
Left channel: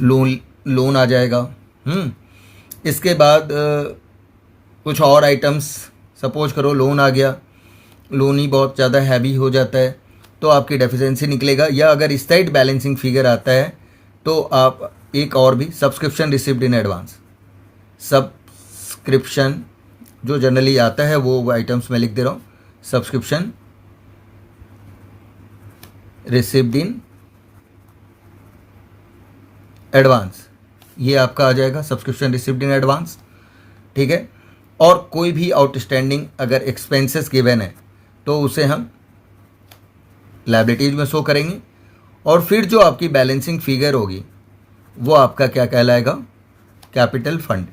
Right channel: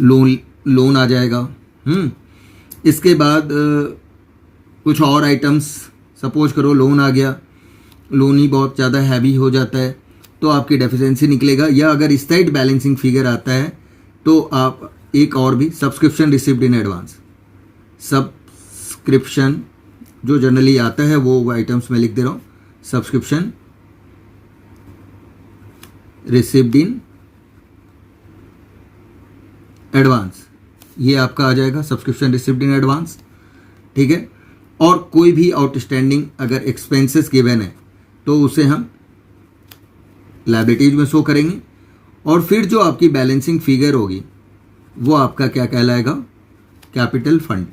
लोन आ जाएगा। इसके बाद कुछ और आइटम्स, सपोज करो लोन आ गया, लोन ही बहुत ज़्यादा हैवी हो जाता है तो आपकी डेफिशिएंसी निकलेगा। या अगर इस साइड बैलेंसिंग फिगर आता है तो आप एक और भी subscription received in advance, subscription जो जनरली आता है वो आइटम्स में लिख दे रहा हूँ, सब्सक्रिप्शन रिसीव्ड इन एडवांस, ये आपका आ जाएगा सब्सक्रिप्शन रिसीव्ड इन एडवांस, ठीक है। और कोई भी आउटस्टैंडिंग अगर एक्सपेंसेस गिवन है तो उसे हम लायबिलिटीज में शो करेंगे। और फिर जो आपकी बैलेंसिंग फिगर होगी वो आपका क्या कहलाएगा, कैपिटल फंड।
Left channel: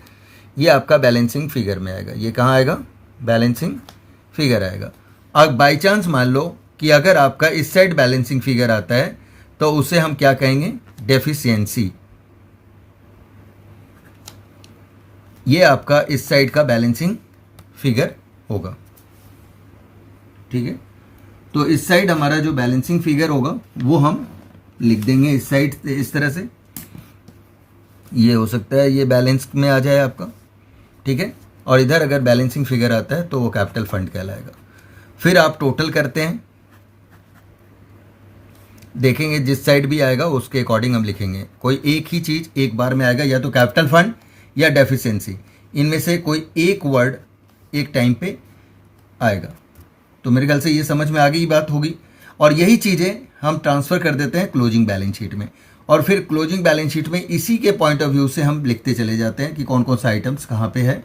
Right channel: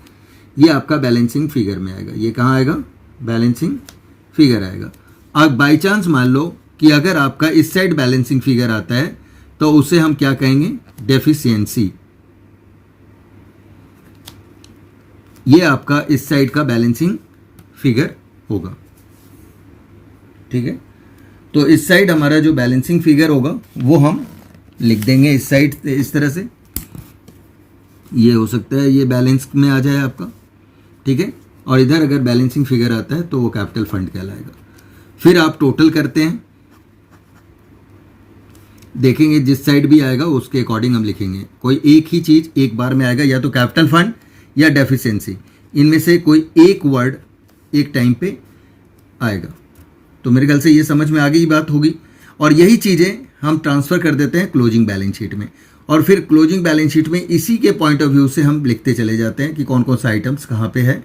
ये आपका बैलेंसिंग फिगर में आएगा। ये कहाँ आएगा, बैलेंसिंग फिगर आएगा। अब बाई चांस मान लो कि अगर आपका इस साइड बैलेंसिंग फिगर आता है तो उसे हम क्या कहेंगे, डेफिशिएंसी। ये आपका इस साइड का बैलेंसिंग फिगर होगा, ठीक है। तो इस साइड हमारा जो बैलेंसिंग फिगर होगा वो हम लिख देंगे इस साइड से इस तरह से। ये हो सकता है ये बैलेंस में आ जाए आपका, ठीक है। और इधर अगर बैलेंसिंग फिगर आता है तो वो कैपिटल फंड कहलाएगा। फिर आप टोटल करते हैं, देखेंगे जिस साइड भी आएगा उसके अकॉर्डिंग हम लिखेंगे। कोई एक ही चीज़ एक बार में आएगा, या तो कैपिटल फंड या डेफिशिएंसी, इनमें से कोई एक वर्ड एक टाइम पे आएगा। तो मेरे ख्याल से ये समझ में आ गई बात होगी। और यही चीज़ें हम ट्रांसफ़र कर देते हैं क्लोजिंग बैलेंस शीट में, और फिर क्लोजिंग बैलेंस शीट में इसी के पॉइंट ऑफ व्यू से हम लिखते चले जाते हैं कि कौन कौन सा आइटम्स कहाँ पे है।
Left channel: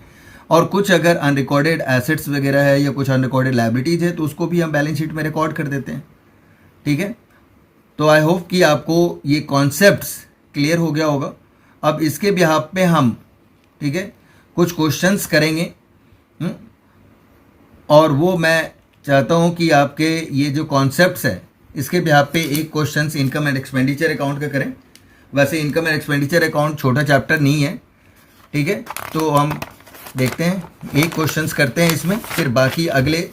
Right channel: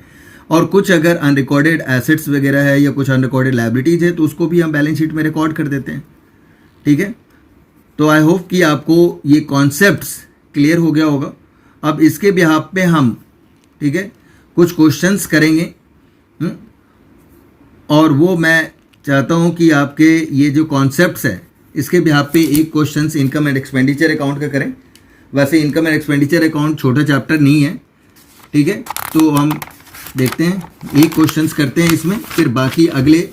और कुछ अगर अनरिकॉर्डेड एसेट्स वगैरह है या कुछ अनरिकॉर्डेड लायबिलिटीज़ है तो उसको भी हम बैलेंस शीट में रिकॉर्ड कर देते हैं, ठीक है। तो आई होप कि आपको ये कॉन्सेप्ट्स क्लियर हो गया होगा। अब इसके बिहाफ पे हम, ठीक है, कुछ क्वेश्चंस करेंगे। और वो मैं चाहता हूँ कि आपके ये जो कॉन्सेप्ट्स है इसके बिहाफ पे एक questions income and expenditure account का करें। वैसे इनकम एंड एक्सपेंडिचर अकाउंट छोटा चैप्टर नहीं है, ठीक है। तो हम देखते हैं, एक क्वेश्चंस करते हैं इसमें, फिर बाकी अगले,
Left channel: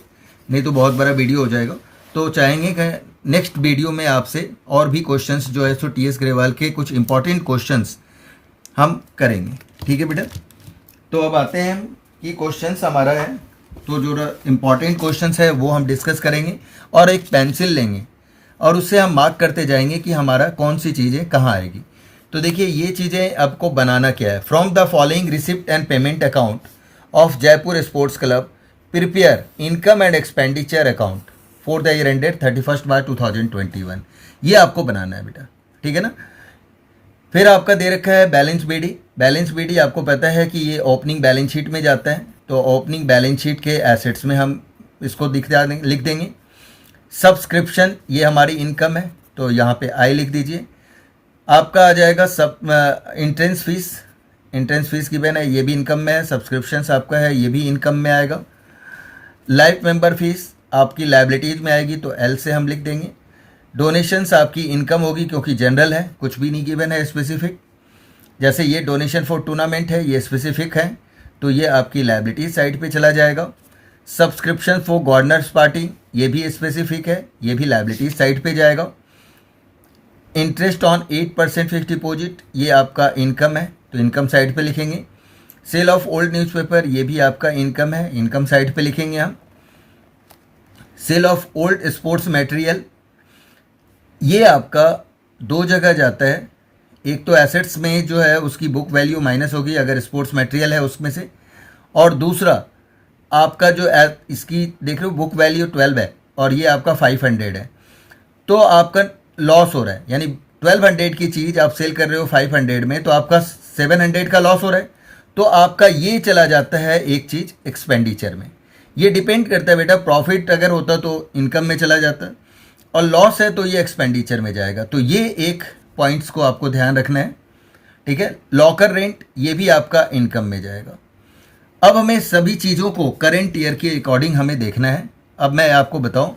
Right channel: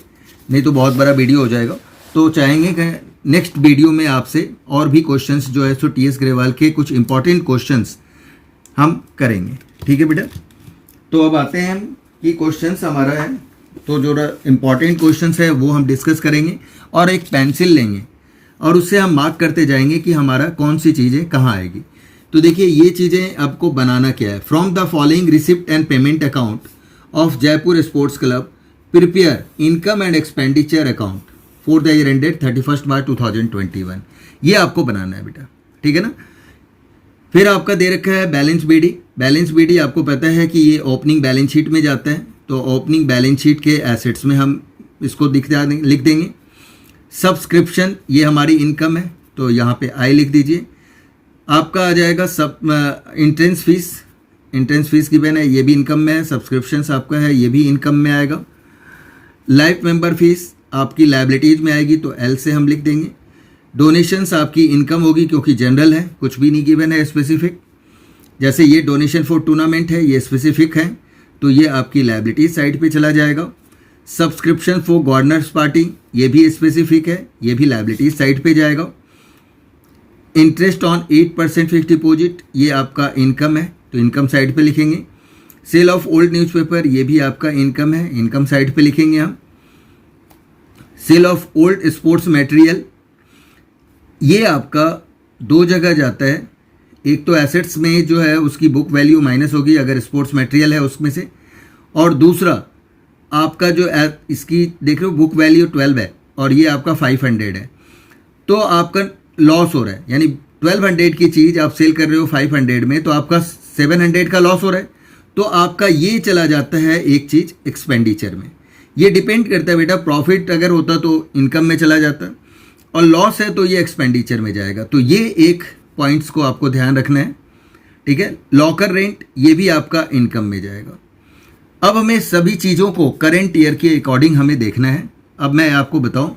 नहीं तो बहुत बड़ा वीडियो हो जाएगा। तो चाहेंगे कि नेक्स्ट वीडियो में आपसे और भी क्वेश्चंस जो है सो टीएस ग्रेवाल के कुछ इंपॉर्टेंट क्वेश्चंस हम करेंगे, ठीक है बेटा। तो अब आते हैं कि क्वेश्चंस हमारा है, तो जो इम्पॉर्टेंट क्वेश्चंस है वो हम डिस्कस करेंगे और एक पेंसिल लेंगे और उससे हम मार्क करते जाएंगे कि हमारा कौन सी चीज़ें कहाँ आएगी। तो देखिए ये चीज़ें आपको बनाना क्या है। From the following receipt and payment account of Jaipur sports club prepare income and expenditure account for the year ended 31 मार्च 2021। ये आपको बनाना है बेटा, ठीक है ना। फिर आपका दे रखा है बैलेंस बीडी। बैलेंस बीडी आपको पता है कि ये ओपनिंग बैलेंस शीट में जाता है, तो ओपनिंग बैलेंस शीट के एसेट्स में हम इसको लिख देंगे। सब्सक्रिप्शन ये हमारी इनकम है तो यहाँ पे आई लिख दीजिए। आपका आ जाएगा सब entrance fees, entrance fees given है, ये भी इनकम में है। सब्सक्रिप्शंस आपका है, ये भी इनकम में आएगा। लाइफ मेंबर फीस आपकी लायबिलिटीज़ में आएगी तो एल से हम लिख देंगे। डोनेशंस आपकी इनकम होगी क्योंकि जनरल है, कुछ भी नहीं गिवन है स्पेसिफिक। जैसे ये डोनेशन फॉर टूर्नामेंट है, ये स्पेसिफिक है तो ये आपकी लायबिलिटीज साइड पे चला जाएगा। सब्सक्रिप्शन फॉर गवर्नर्स पार्टी ये भी स्पेसिफिक है, ये भी लायबिलिटीज साइड पे जाएगा। इंटरेस्ट ऑन 8% फिक्स डिपॉजिट ये आपका इनकम है तो इनकम साइड पे लिखेंगे। सेल ऑफ ओल्ड न्यूज़पेपर ये भी आपका इनकम है, इनकम साइड पे लिखेंगे हम। Sale of old sports material ये आपका दो जगह जाता है, एक तो एसेट्स में जो है उसकी बुक वैल्यू माइनस होगी अगर स्पोर्ट्स मटेरियल है उसमें से, और दूसरा आपका जो इसकी देख रहे हो बुक वैल्यू 12 है और ये आपका 500 है तो आपका लॉस हो रहा है। यानी 1200 की चीज़ आप सेल कर रहे हो 500 में तो आपका 700 का लॉस हो रहा है, तो आपका ये चला जाता है एक चीज़ एक्सपेंडिचर में। ये डिपेंड करता है बेटा, प्रॉफिट अगर होता तो इनकम में चला जाता और लॉस है तो ये एक्सपेंडिचर में जाएगा। तो ये एक पॉइंट्स को आपको ध्यान रखना है, ठीक है। लॉकर रेंट ये भी आपका इनकम में जाएगा। अब हमें सभी चीज़ों को करेंट ईयर के अकॉर्डिंग हमें देखना है। अब मैं आपको बताऊं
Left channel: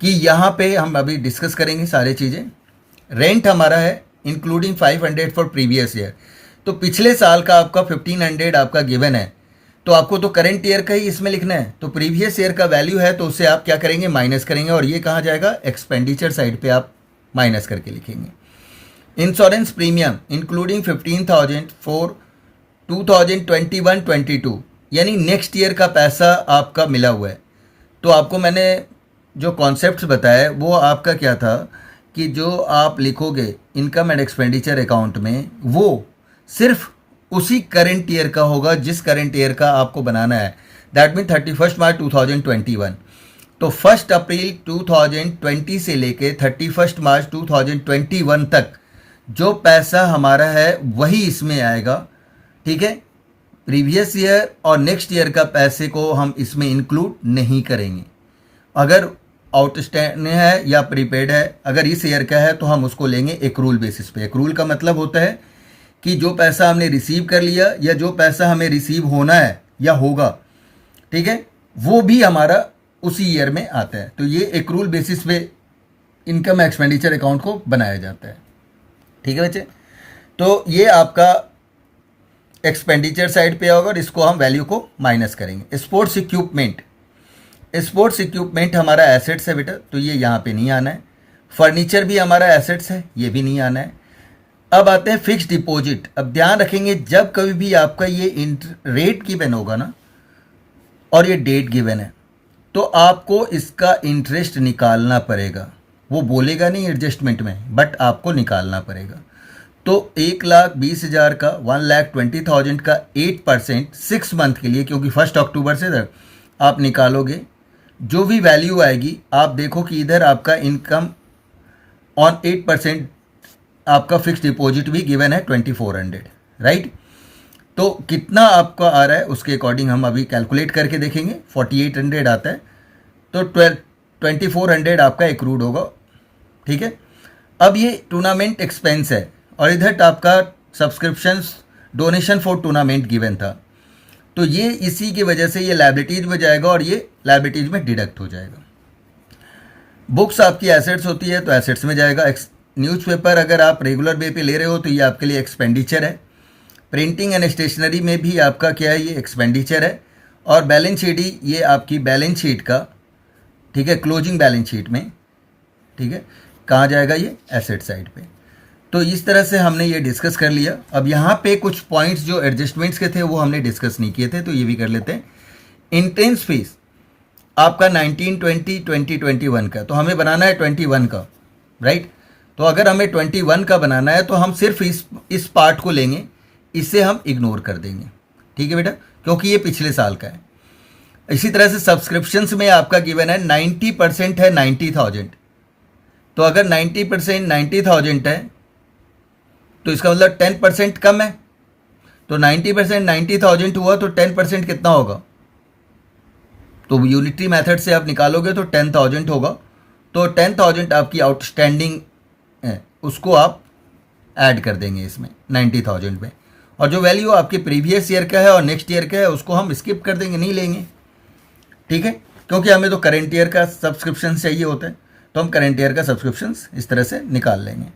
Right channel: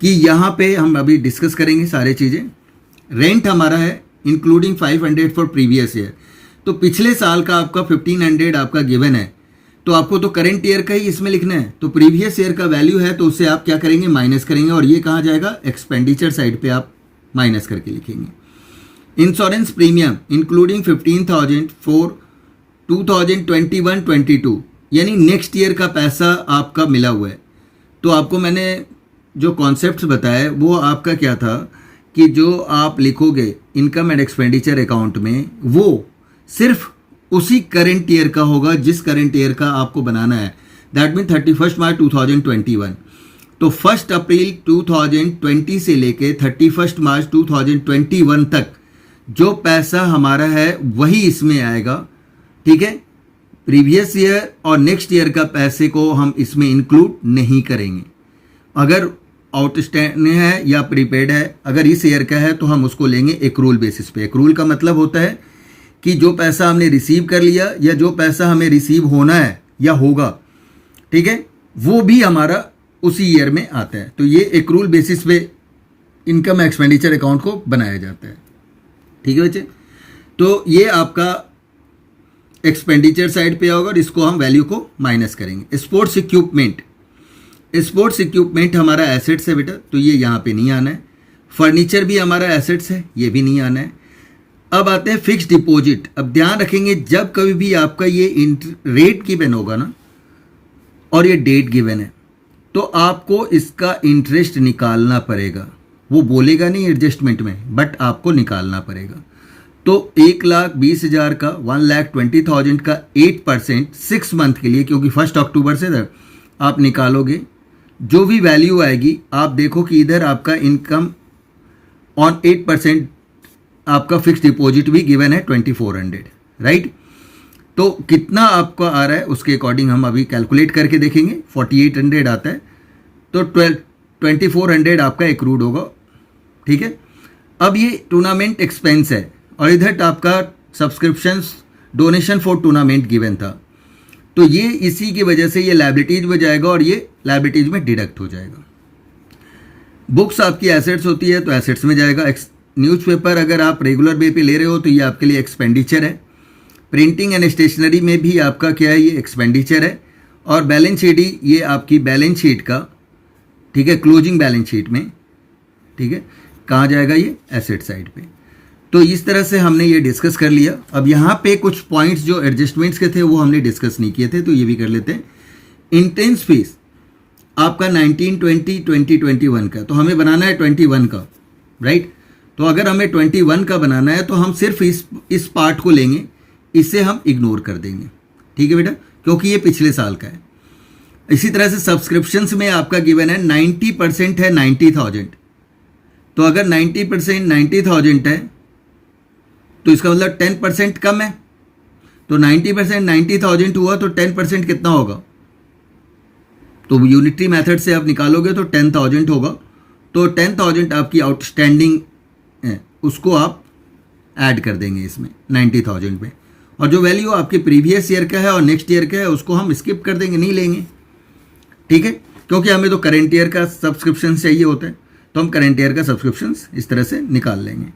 कि यहाँ पे हम अभी डिस्कस करेंगे सारी चीज़ें। रेंट हमारा है इंक्लूडिंग 500 फॉर प्रीवियस ईयर, तो पिछले साल का आपका 1500 आपका गिवन है, तो आपको तो करेंट ईयर का ही इसमें लिखना है। तो प्रीवियस ईयर का वैल्यू है तो उससे आप क्या करेंगे, माइनस करेंगे, और ये कहाँ जाएगा, एक्सपेंडिचर साइड पे आप माइनस करके लिखेंगे। इंश्योरेंस प्रीमियम इंक्लूडिंग 15,000 फॉर 2021-22, यानी नेक्स्ट ईयर का पैसा आपका मिला हुआ है। तो आपको मैंने जो कॉन्सेप्ट्स बताया वो आपका क्या था कि जो आप लिखोगे इनकम एंड एक्सपेंडिचर अकाउंट में, वो सिर्फ उसी करंट ईयर का होगा जिस करंट ईयर का आपको बनाना है। दैट मीन 31 मार्च 2021। तो 1 अप्रैल 2020 से लेके 31 मार्च 2021 तक जो पैसा हमारा है वही इसमें आएगा, ठीक है। प्रीवियस ईयर और नेक्स्ट ईयर का पैसे को हम इसमें इंक्लूड नहीं करेंगे। अगर आउटस्टैंडिंग है या प्रीपेड है, अगर इस ईयर का है तो हम उसको लेंगे एक्रूल बेसिस पे। एक्रूल का मतलब होता है कि जो पैसा हमने रिसीव कर लिया या जो पैसा हमें रिसीव होना है या होगा, ठीक है, वो भी हमारा उसी ईयर में आता है। तो ये एक्रूल बेसिस पे इनकम एक्सपेंडिचर अकाउंट को बनाया जाता है, ठीक है बच्चे। तो ये आपका एक्सपेंडिचर साइड पे होगा और इसको हम वैल्यू को माइनस करेंगे। स्पोर्ट्स इक्विपमेंट, स्पोर्ट्स इक्विपमेंट हमारा एसेट्स है बेटा, तो ये यहाँ पे नहीं आना है। फर्नीचर भी हमारा एसेट्स है, ये भी नहीं आना है। अब आते हैं फिक्स डिपॉजिट। अब ध्यान रखेंगे जब कभी भी आपका ये रेट गिवन होगा ना और ये डेट गिवन है, तो आपको इसका इंटरेस्ट निकालना पड़ेगा। वो बोलेगा नहीं एडजस्टमेंट में, बट आपको निकालना पड़ेगा। तो 1,20,000 का 1,20,000 का 8% 6 मंथ के लिए, क्योंकि 1 अक्टूबर से आप निकालोगे, जो भी वैल्यू आएगी आप देखो कि इधर आपका इनकम ऑन 8% आपका फिक्स डिपॉजिट भी गिवन है 2,400, राइट। तो कितना आपका आ रहा है उसके अकॉर्डिंग हम अभी कैलकुलेट करके देखेंगे। 4,800 आता है तो 2,400 आपका एक्रूड होगा, ठीक है। अब ये टूर्नामेंट एक्सपेंस है और इधर आपका subscriptions donation for tournament given था, तो ये इसी की वजह से ये लायबिलिटीज में जाएगा और ये लायबिलिटीज में डिडक्ट हो जाएगा। बुक्स आपकी एसेट्स होती है तो एसेट्स में जाएगा। न्यूज़पेपर अगर आप रेगुलर बे पे ले रहे हो तो ये आपके लिए एक्सपेंडिचर है। प्रिंटिंग एंड स्टेशनरी में भी आपका क्या है, ये एक्सपेंडिचर है। और बैलेंस शीट ही ये आपकी बैलेंस शीट का, ठीक है, क्लोजिंग बैलेंस शीट में, ठीक है, कहाँ जाएगा, ये एसेट साइड पे। तो इस तरह से हमने ये डिस्कस कर लिया। अब यहाँ पे कुछ पॉइंट्स जो एडजस्टमेंट्स के थे वो हमने डिस्कस नहीं किए थे, तो ये भी कर लेते हैं। इंट्रेंस फीस आपका 1920 2021 का, तो हमें बनाना है 21 का, राइट। तो अगर हमें 21 का बनाना है तो हम सिर्फ इस पार्ट को लेंगे, इसे हम इग्नोर कर देंगे, ठीक है बेटा, क्योंकि ये पिछले साल का है। इसी तरह से सब्सक्रिप्शंस में आपका गिवन है 90% है 90,000, तो अगर 90% 90,000 है तो इसका मतलब 10% कम है। तो 90% 90,000 हुआ तो 10% कितना होगा, तो यूनिटरी मेथड से आप निकालोगे तो 10,000 होगा। तो 10,000 आपकी आउटस्टैंडिंग है, उसको आप ऐड कर देंगे इसमें 90,000 में, और जो वैल्यू आपके प्रीवियस ईयर का है और नेक्स्ट ईयर का है उसको हम स्किप कर देंगे, नहीं लेंगे, ठीक है, क्योंकि हमें तो करेंट ईयर का सब्सक्रिप्शन चाहिए होता है, तो हम करेंट ईयर का सब्सक्रिप्शन इस तरह से निकाल लेंगे।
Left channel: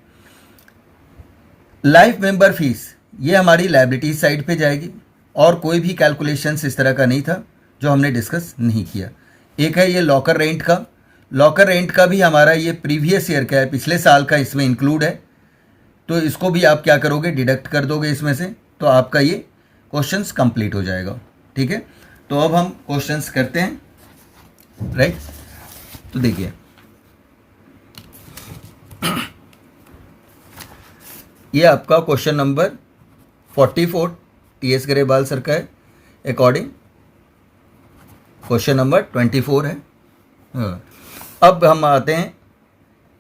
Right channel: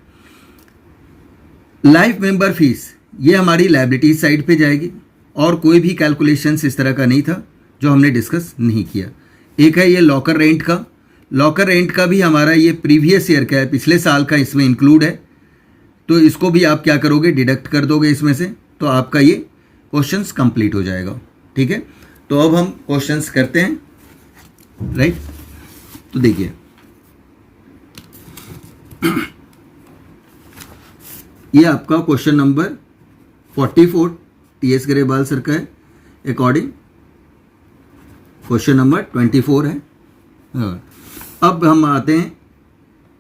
लाइफ मेंबर फीस ये हमारी लायबिलिटी साइड पे जाएगी, और कोई भी कैलकुलेशंस इस तरह का नहीं था जो हमने डिस्कस नहीं किया। एक है ये लॉकर रेंट का, लॉकर रेंट का भी हमारा ये प्रीवियस ईयर का है, पिछले साल का इसमें इंक्लूड है, तो इसको भी आप क्या करोगे, डिडक्ट कर दोगे इसमें से, तो आपका ये क्वेश्चंस कंप्लीट हो जाएगा, ठीक है। तो अब हम क्वेश्चंस करते हैं, राइट। तो देखिए ये आपका question number 44 TS Grewal sir का है, अकॉर्डिंग क्वेश्चन नंबर 24 है। हाँ, अब हम आते हैं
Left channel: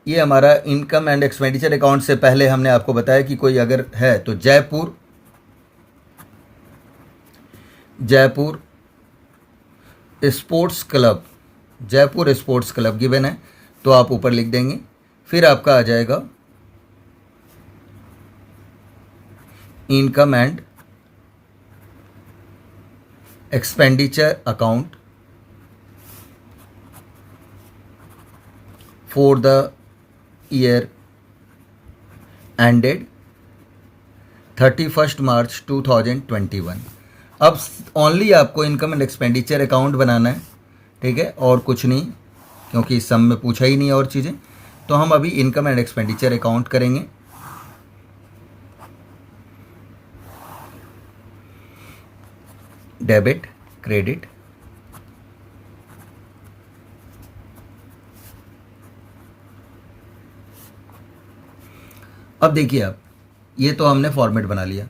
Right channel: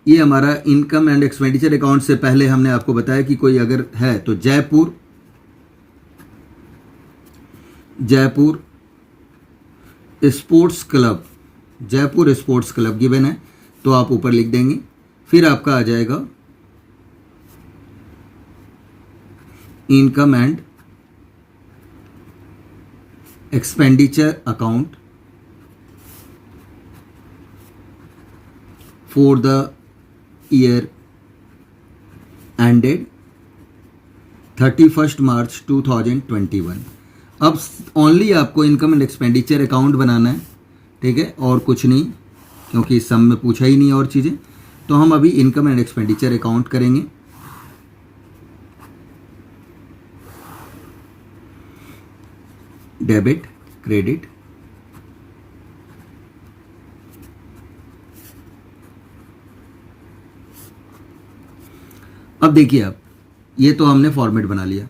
ये हमारा इनकम एंड एक्सपेंडिचर अकाउंट से पहले हमने आपको बताया कि कोई अगर है तो Jaipur sports club, Jaipur sports club given है तो आप ऊपर लिख देंगे। फिर आपका आ जाएगा income and expenditure account for the year ended 31 मार्च 2021। अब ओनली आपको इनकम एंड एक्सपेंडिचर अकाउंट बनाना है, ठीक है, और कुछ नहीं, क्योंकि इस सम में पूछा ही नहीं और चीज़ें। तो हम अभी इनकम एंड एक्सपेंडिचर अकाउंट करेंगे। डेबिट, क्रेडिट, अब देखिए आप, ये तो हमने फॉर्मेट बना लिया।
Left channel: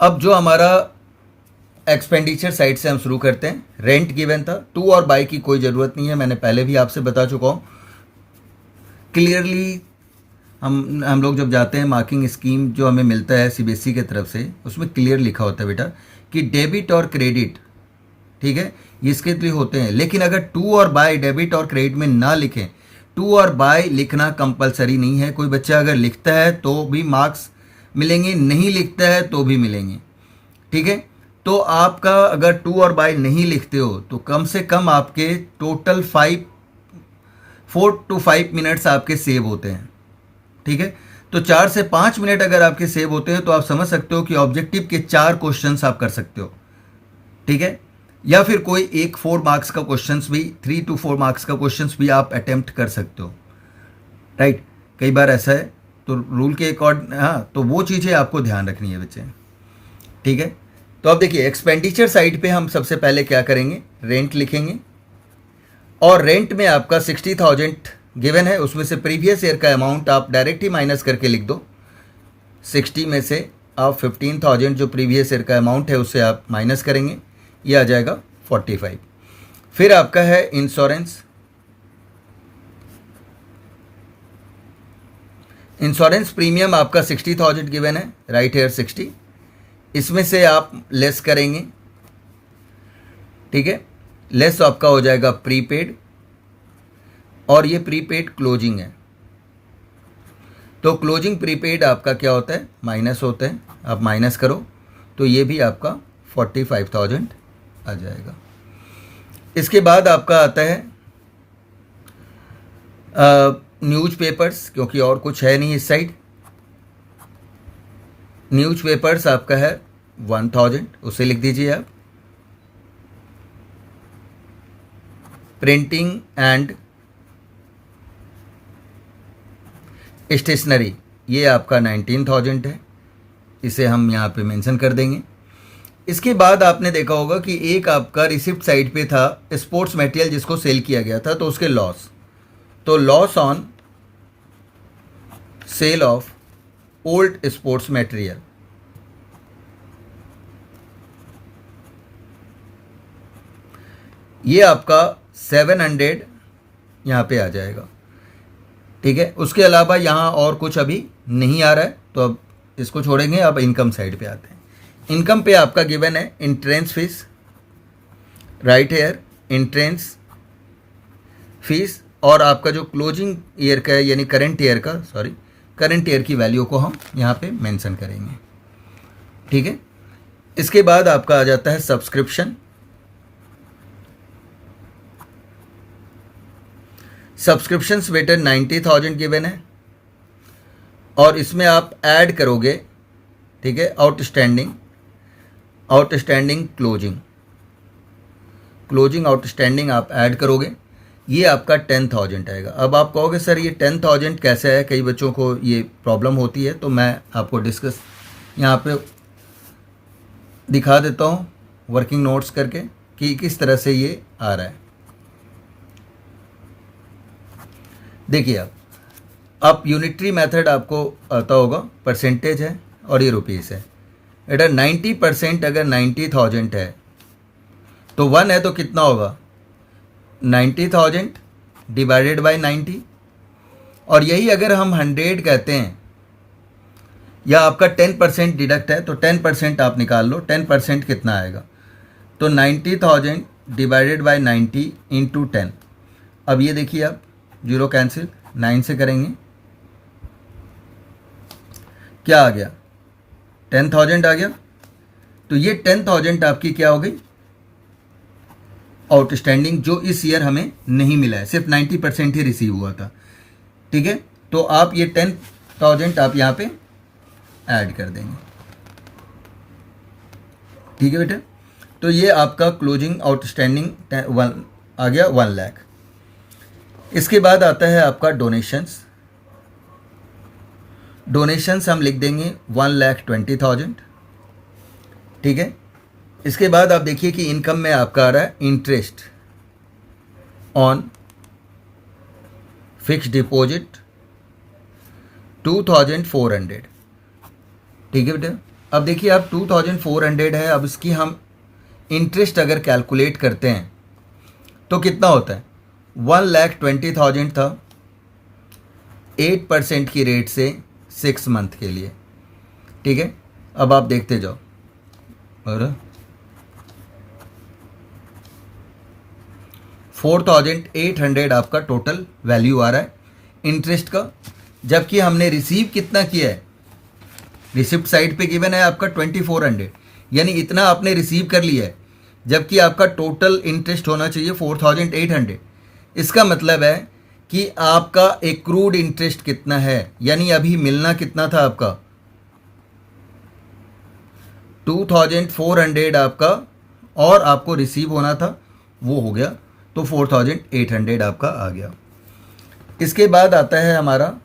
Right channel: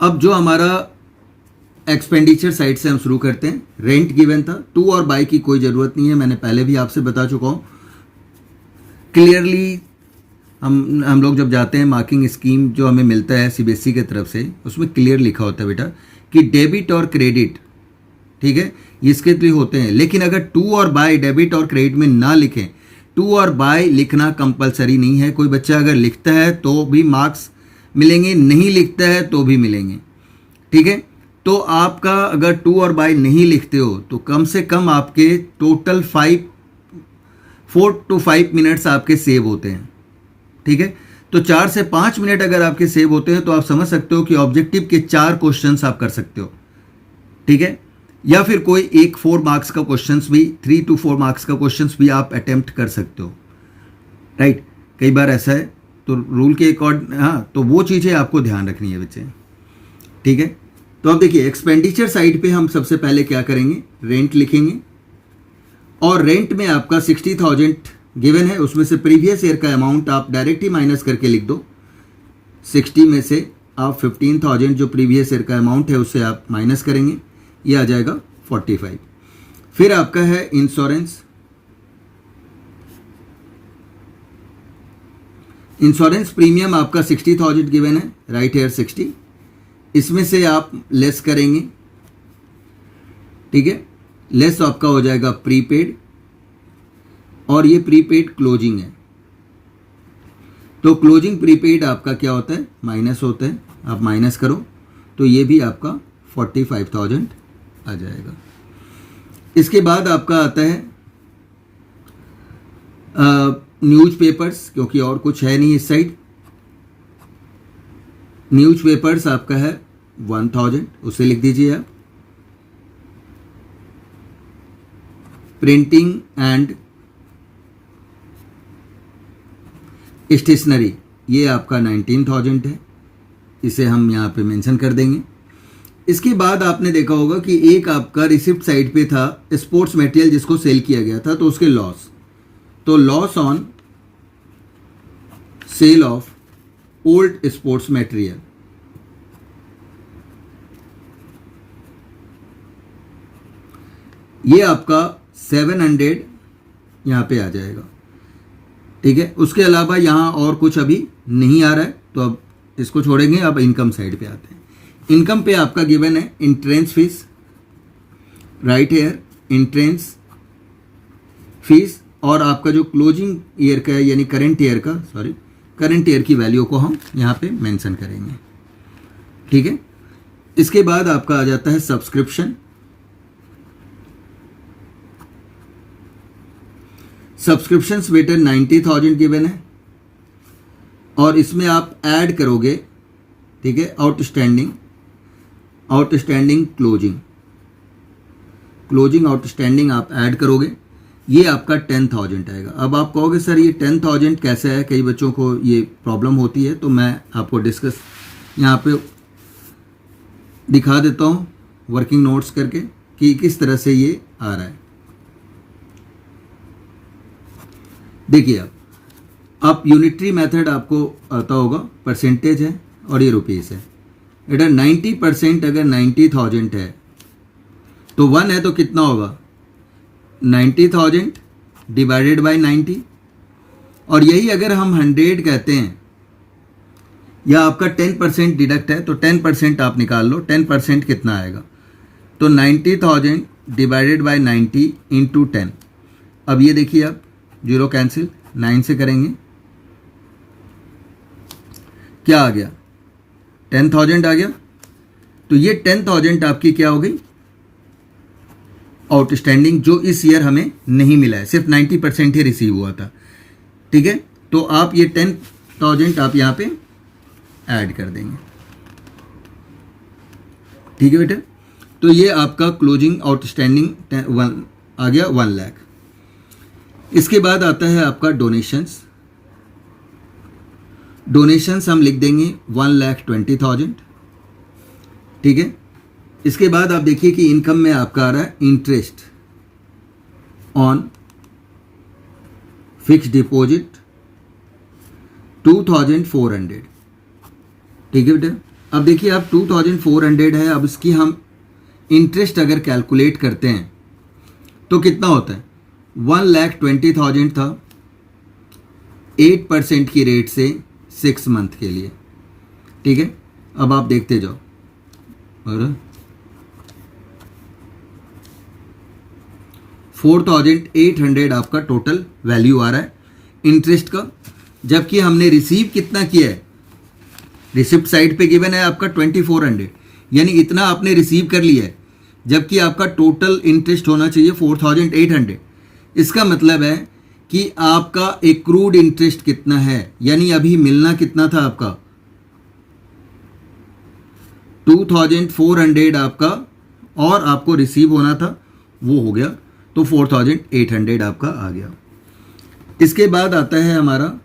अब जो हमारा एक्सपेंडिचर साइड से हम शुरू करते हैं। रेंट गिवन था, टू और बाय की कोई ज़रूरत नहीं है, मैंने पहले भी आपसे बता चुका हूँ क्लियरली। हम लोग जब जाते हैं मार्किंग स्कीम जो हमें मिलता है सीबीएसई की तरफ से, उसमें क्लियर लिखा होता है बेटा कि डेबिट और क्रेडिट, ठीक है, इसके लिए होते हैं। लेकिन अगर टू और बाय डेबिट और क्रेडिट में ना लिखें, टू और बाय लिखना कंपलसरी नहीं है। कोई बच्चा अगर लिखता है तो भी मार्क्स मिलेंगे, नहीं लिखता है तो भी मिलेंगे, ठीक है। तो आपका अगर टू और बाय नहीं लिखते हो तो कम से कम आपके टोटल 4 to 5 मिनट्स आपके सेव होते हैं, ठीक है। तो 4 से 5 मिनट अगर आपके सेव होते हैं तो आप समझ सकते हो कि ऑब्जेक्टिव के 4 क्वेश्चंस आप कर सकते हो, ठीक है। या फिर कोई एक 4 मार्क्स का क्वेश्चंस भी, 3 to 4 मार्क्स का क्वेश्चंस भी आप अटेम्प्ट कर सकते हो, राइट। कई बार ऐसा है तो रूल के अकॉर्डिंग, हाँ, तो वो चीज़ें आपको ध्यान रखनी है बच्चे, ठीक है। तो अब देखिए एक्सपेंडिचर साइड पे हम सबसे पहले क्या करेंगे, रेंट लिखेंगे। और रेंट में आपका 60,000 गिवन है, उसमें से प्रीवियस ईयर का अमाउंट आप डायरेक्ट ही माइनस करके लिख दो। 60 में से आप 15,000 जो प्रीवियस ईयर का अमाउंट है उससे आप माइनस करेंगे, ये आ जाएगा 45। फिर आपका है इंश्योरेंस। इंश्योरेंस प्रीमियम आपका 60,000 गिवन है, राइट हेयर 60, इसमें से आप लेस करेंगे, ठीक है। लेस आपका हो जाएगा प्रीपेड, और ये प्रीपेड क्लोजिंग है, तो क्लोजिंग प्रीपेड आपका क्या होता है, माइनस होता है। आप माइनस करो तो ये भी आपका 45,000 आ जाएगा। इसके बाद आपका आता है न्यूज़पेपर्स, क्योंकि और कुछ है नहीं इस साइड। न्यूज़पेपर्स आपका है 1000, उसे लिख दीजिए आप। प्रिंटिंग एंड स्टेशनरी ये आपका 19,000 है, इसे हम यहाँ पे मेंशन कर देंगे। इसके बाद आपने देखा होगा कि एक आपका रिसिप्ट साइड पे था स्पोर्ट्स मटेरियल जिसको सेल किया गया था, तो उसके लॉस, तो loss on sale of old sports material, ये आपका 700 यहाँ पे आ जाएगा, ठीक है। उसके अलावा यहाँ और कुछ अभी नहीं आ रहा है, तो अब इसको छोड़ेंगे। अब इनकम साइड पे आते हैं। इनकम पे आपका गिवन है entrance fees, right here entrance fees, और आपका जो क्लोजिंग ईयर का है यानी करंट ईयर का, सॉरी करंट ईयर की वैल्यू को हम यहाँ पे मेंशन करेंगे, ठीक है। इसके बाद आपका आ जाता है सब्सक्रिप्शन। सब्सक्रिप्शंस बेटर 90,000 गिवन है, और इसमें आप ऐड करोगे, ठीक है, आउटस्टैंडिंग क्लोजिंग आउटस्टैंडिंग आप ऐड करोगे, ये आपका 10,000 आएगा। अब आप कहोगे सर ये 10,000 कैसे है, कई बच्चों को ये प्रॉब्लम होती है, तो मैं आपको डिस्कस यहाँ पे दिखा देता हूँ वर्किंग नोट्स करके कि किस तरह से ये आ रहा है। देखिए आप यूनिटरी मेथड आपको आता होगा, परसेंटेज है और ये रुपीस है। बेटा 90% अगर 90,000 है तो 1 है तो कितना होगा, 90,000 डिवाइडेड बाय 90, और यही अगर हम 100 कहते हैं या आपका 10% डिडक्ट है तो 10% आप निकाल लो, 10% कितना आएगा, तो 90,000 डिवाइडेड बाय 90 इंटू 10। अब ये देखिए आप, जीरो कैंसिल, 9 से करेंगे, क्या आ गया, 10,000 आ गया। तो ये 10,000 आपकी क्या हो गई, आउटस्टैंडिंग, जो इस ईयर हमें नहीं मिला है, सिर्फ 90% ही रिसीव हुआ था। ठीक है, तो आप ये 10,000 आप यहाँ पे ऐड कर देंगे। ठीक है बेटा, तो ये आपका क्लोजिंग आउटस्टैंडिंग आ गया 1 लाख। इसके बाद आता है आपका डोनेशंस। डोनेशंस हम लिख देंगे 1,20,000। ठीक है, इसके बाद आप देखिए कि इनकम में आपका आ रहा है इंटरेस्ट ऑन फिक्स्ड डिपॉजिट 2,400। ठीक है बेटा, अब देखिए आप 2,400 है, अब इसकी हम इंटरेस्ट अगर कैलकुलेट करते हैं तो कितना होता है, 1,20,000 था 8% की रेट से 6 मंथ के लिए। ठीक है, अब आप देखते जाओ, और 4,800 आपका टोटल वैल्यू आ रहा है इंटरेस्ट का, जबकि हमने रिसीव कितना किया है, रिसिप्ट साइड पे गिवन है आपका 2,400, यानी इतना आपने रिसीव कर लिया है, जबकि आपका टोटल इंटरेस्ट होना चाहिए 4,800। इसका मतलब है कि आपका एक्रूड इंटरेस्ट कितना है, यानी अभी मिलना कितना था आपका 2,400 आपका, और आपको रिसीव होना था वो हो गया, तो 4,800 आपका आ गया। इसके बाद आता है हमारा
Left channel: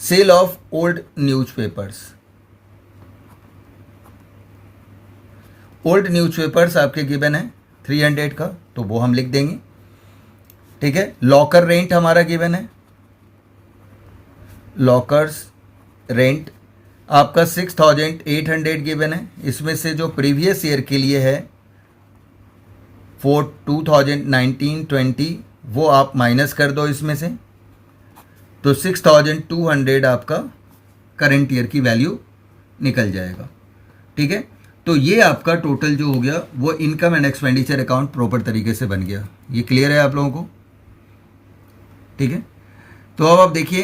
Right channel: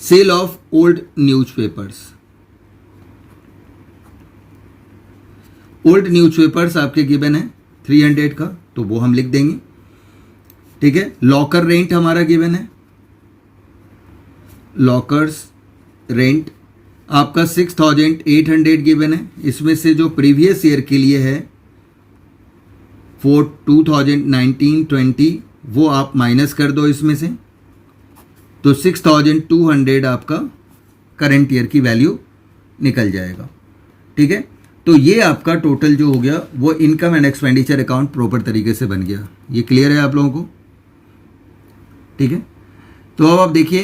sale of old newspapers. Old newspapers आपके गिवन है 300 का, तो वो हम लिख देंगे। ठीक है, लॉकर रेंट हमारा गिवन है, लॉकर्स रेंट आपका 6,800 गिवन है, इसमें से जो प्रीवियस ईयर के लिए है 2019-20 वो आप माइनस कर दो इसमें से, तो 6,200 आपका करंट ईयर की वैल्यू निकल जाएगा। ठीक है, तो ये आपका टोटल जो हो गया वो income and expenditure account proper तरीके से बन गया। ये क्लियर है आप लोगों को? ठीक है, तो अब आप देखिए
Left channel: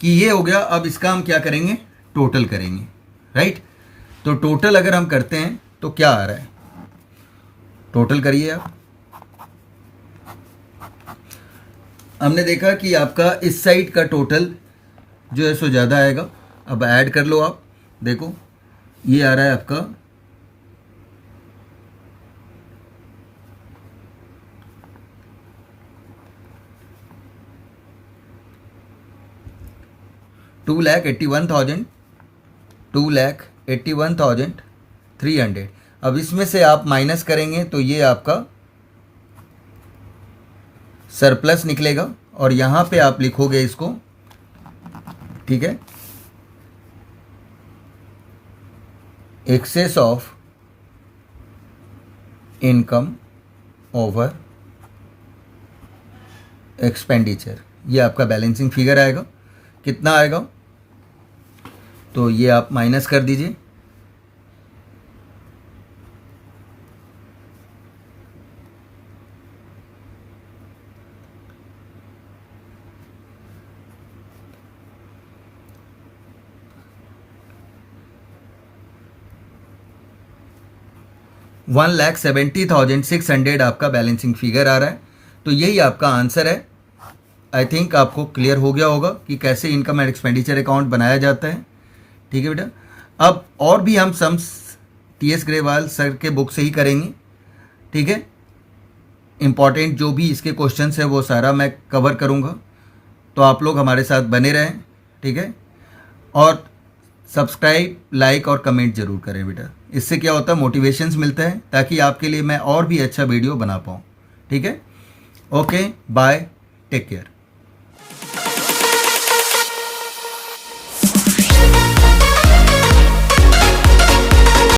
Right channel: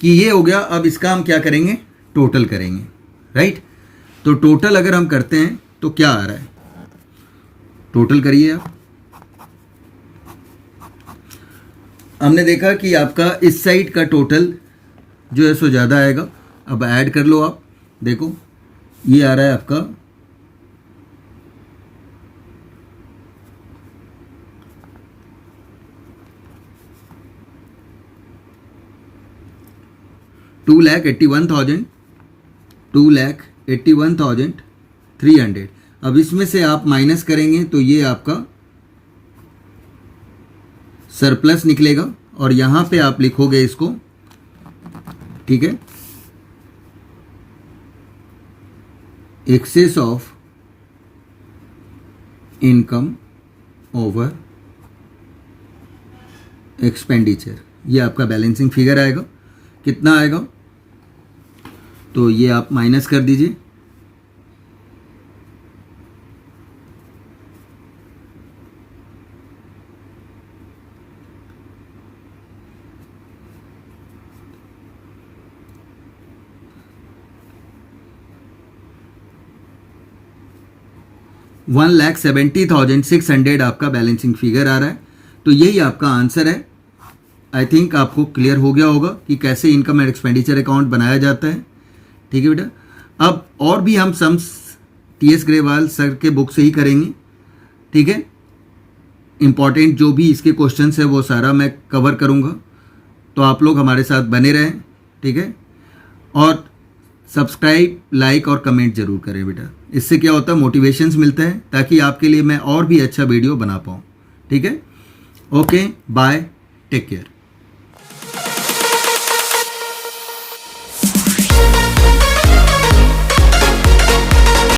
कि ये हो गया। अब इसका हम क्या करेंगे, टोटल करेंगे, राइट। तो टोटल अगर हम करते हैं तो क्या आ रहा है, टोटल करिए आप। हमने देखा कि आपका इस साइड का टोटल जो है सो ज़्यादा आएगा। अब ऐड कर लो आप, देखो ये आ रहा है आपका 2,81,300। अब इसमें से आप माइनस करेंगे तो ये आपका सरप्लस निकलेगा, और यहाँ पे आप लिखोगे इसको, ठीक है, excess of income over expenditure. ये आपका बैलेंसिंग फिगर आएगा। कितना आएगा, तो ये आप माइनस कर दीजिए। $1,70,600 आपका बैलेंसिंग फिगर आ रहा है। तो यही आपका आंसर है। आई थिंक आपको क्लियर हो गया होगा कि कैसे इनकम एंड एक्सपेंडिचर अकाउंट बनाया जाता है। ठीक है बेटा, अब और भी हम सम्स TS ग्रेवाल सर के बुक से ही करेंगे। ठीक है, इम्पॉर्टेंट जो भी इसके क्वेश्चंस है वो सारा मैं कवर करूँगा, तो आप लोग हमारे साथ बने रहें। ठीक है, और सब्सक्राइब, लाइक और कमेंट जरूर करें बेटा। इससे क्या होता है, मोटिवेशंस मिलता है, ताकि आपके लिए मैं और भी अच्छा वीडियो बना पाऊँ। ठीक है, ओके, बाय, टेक केयर।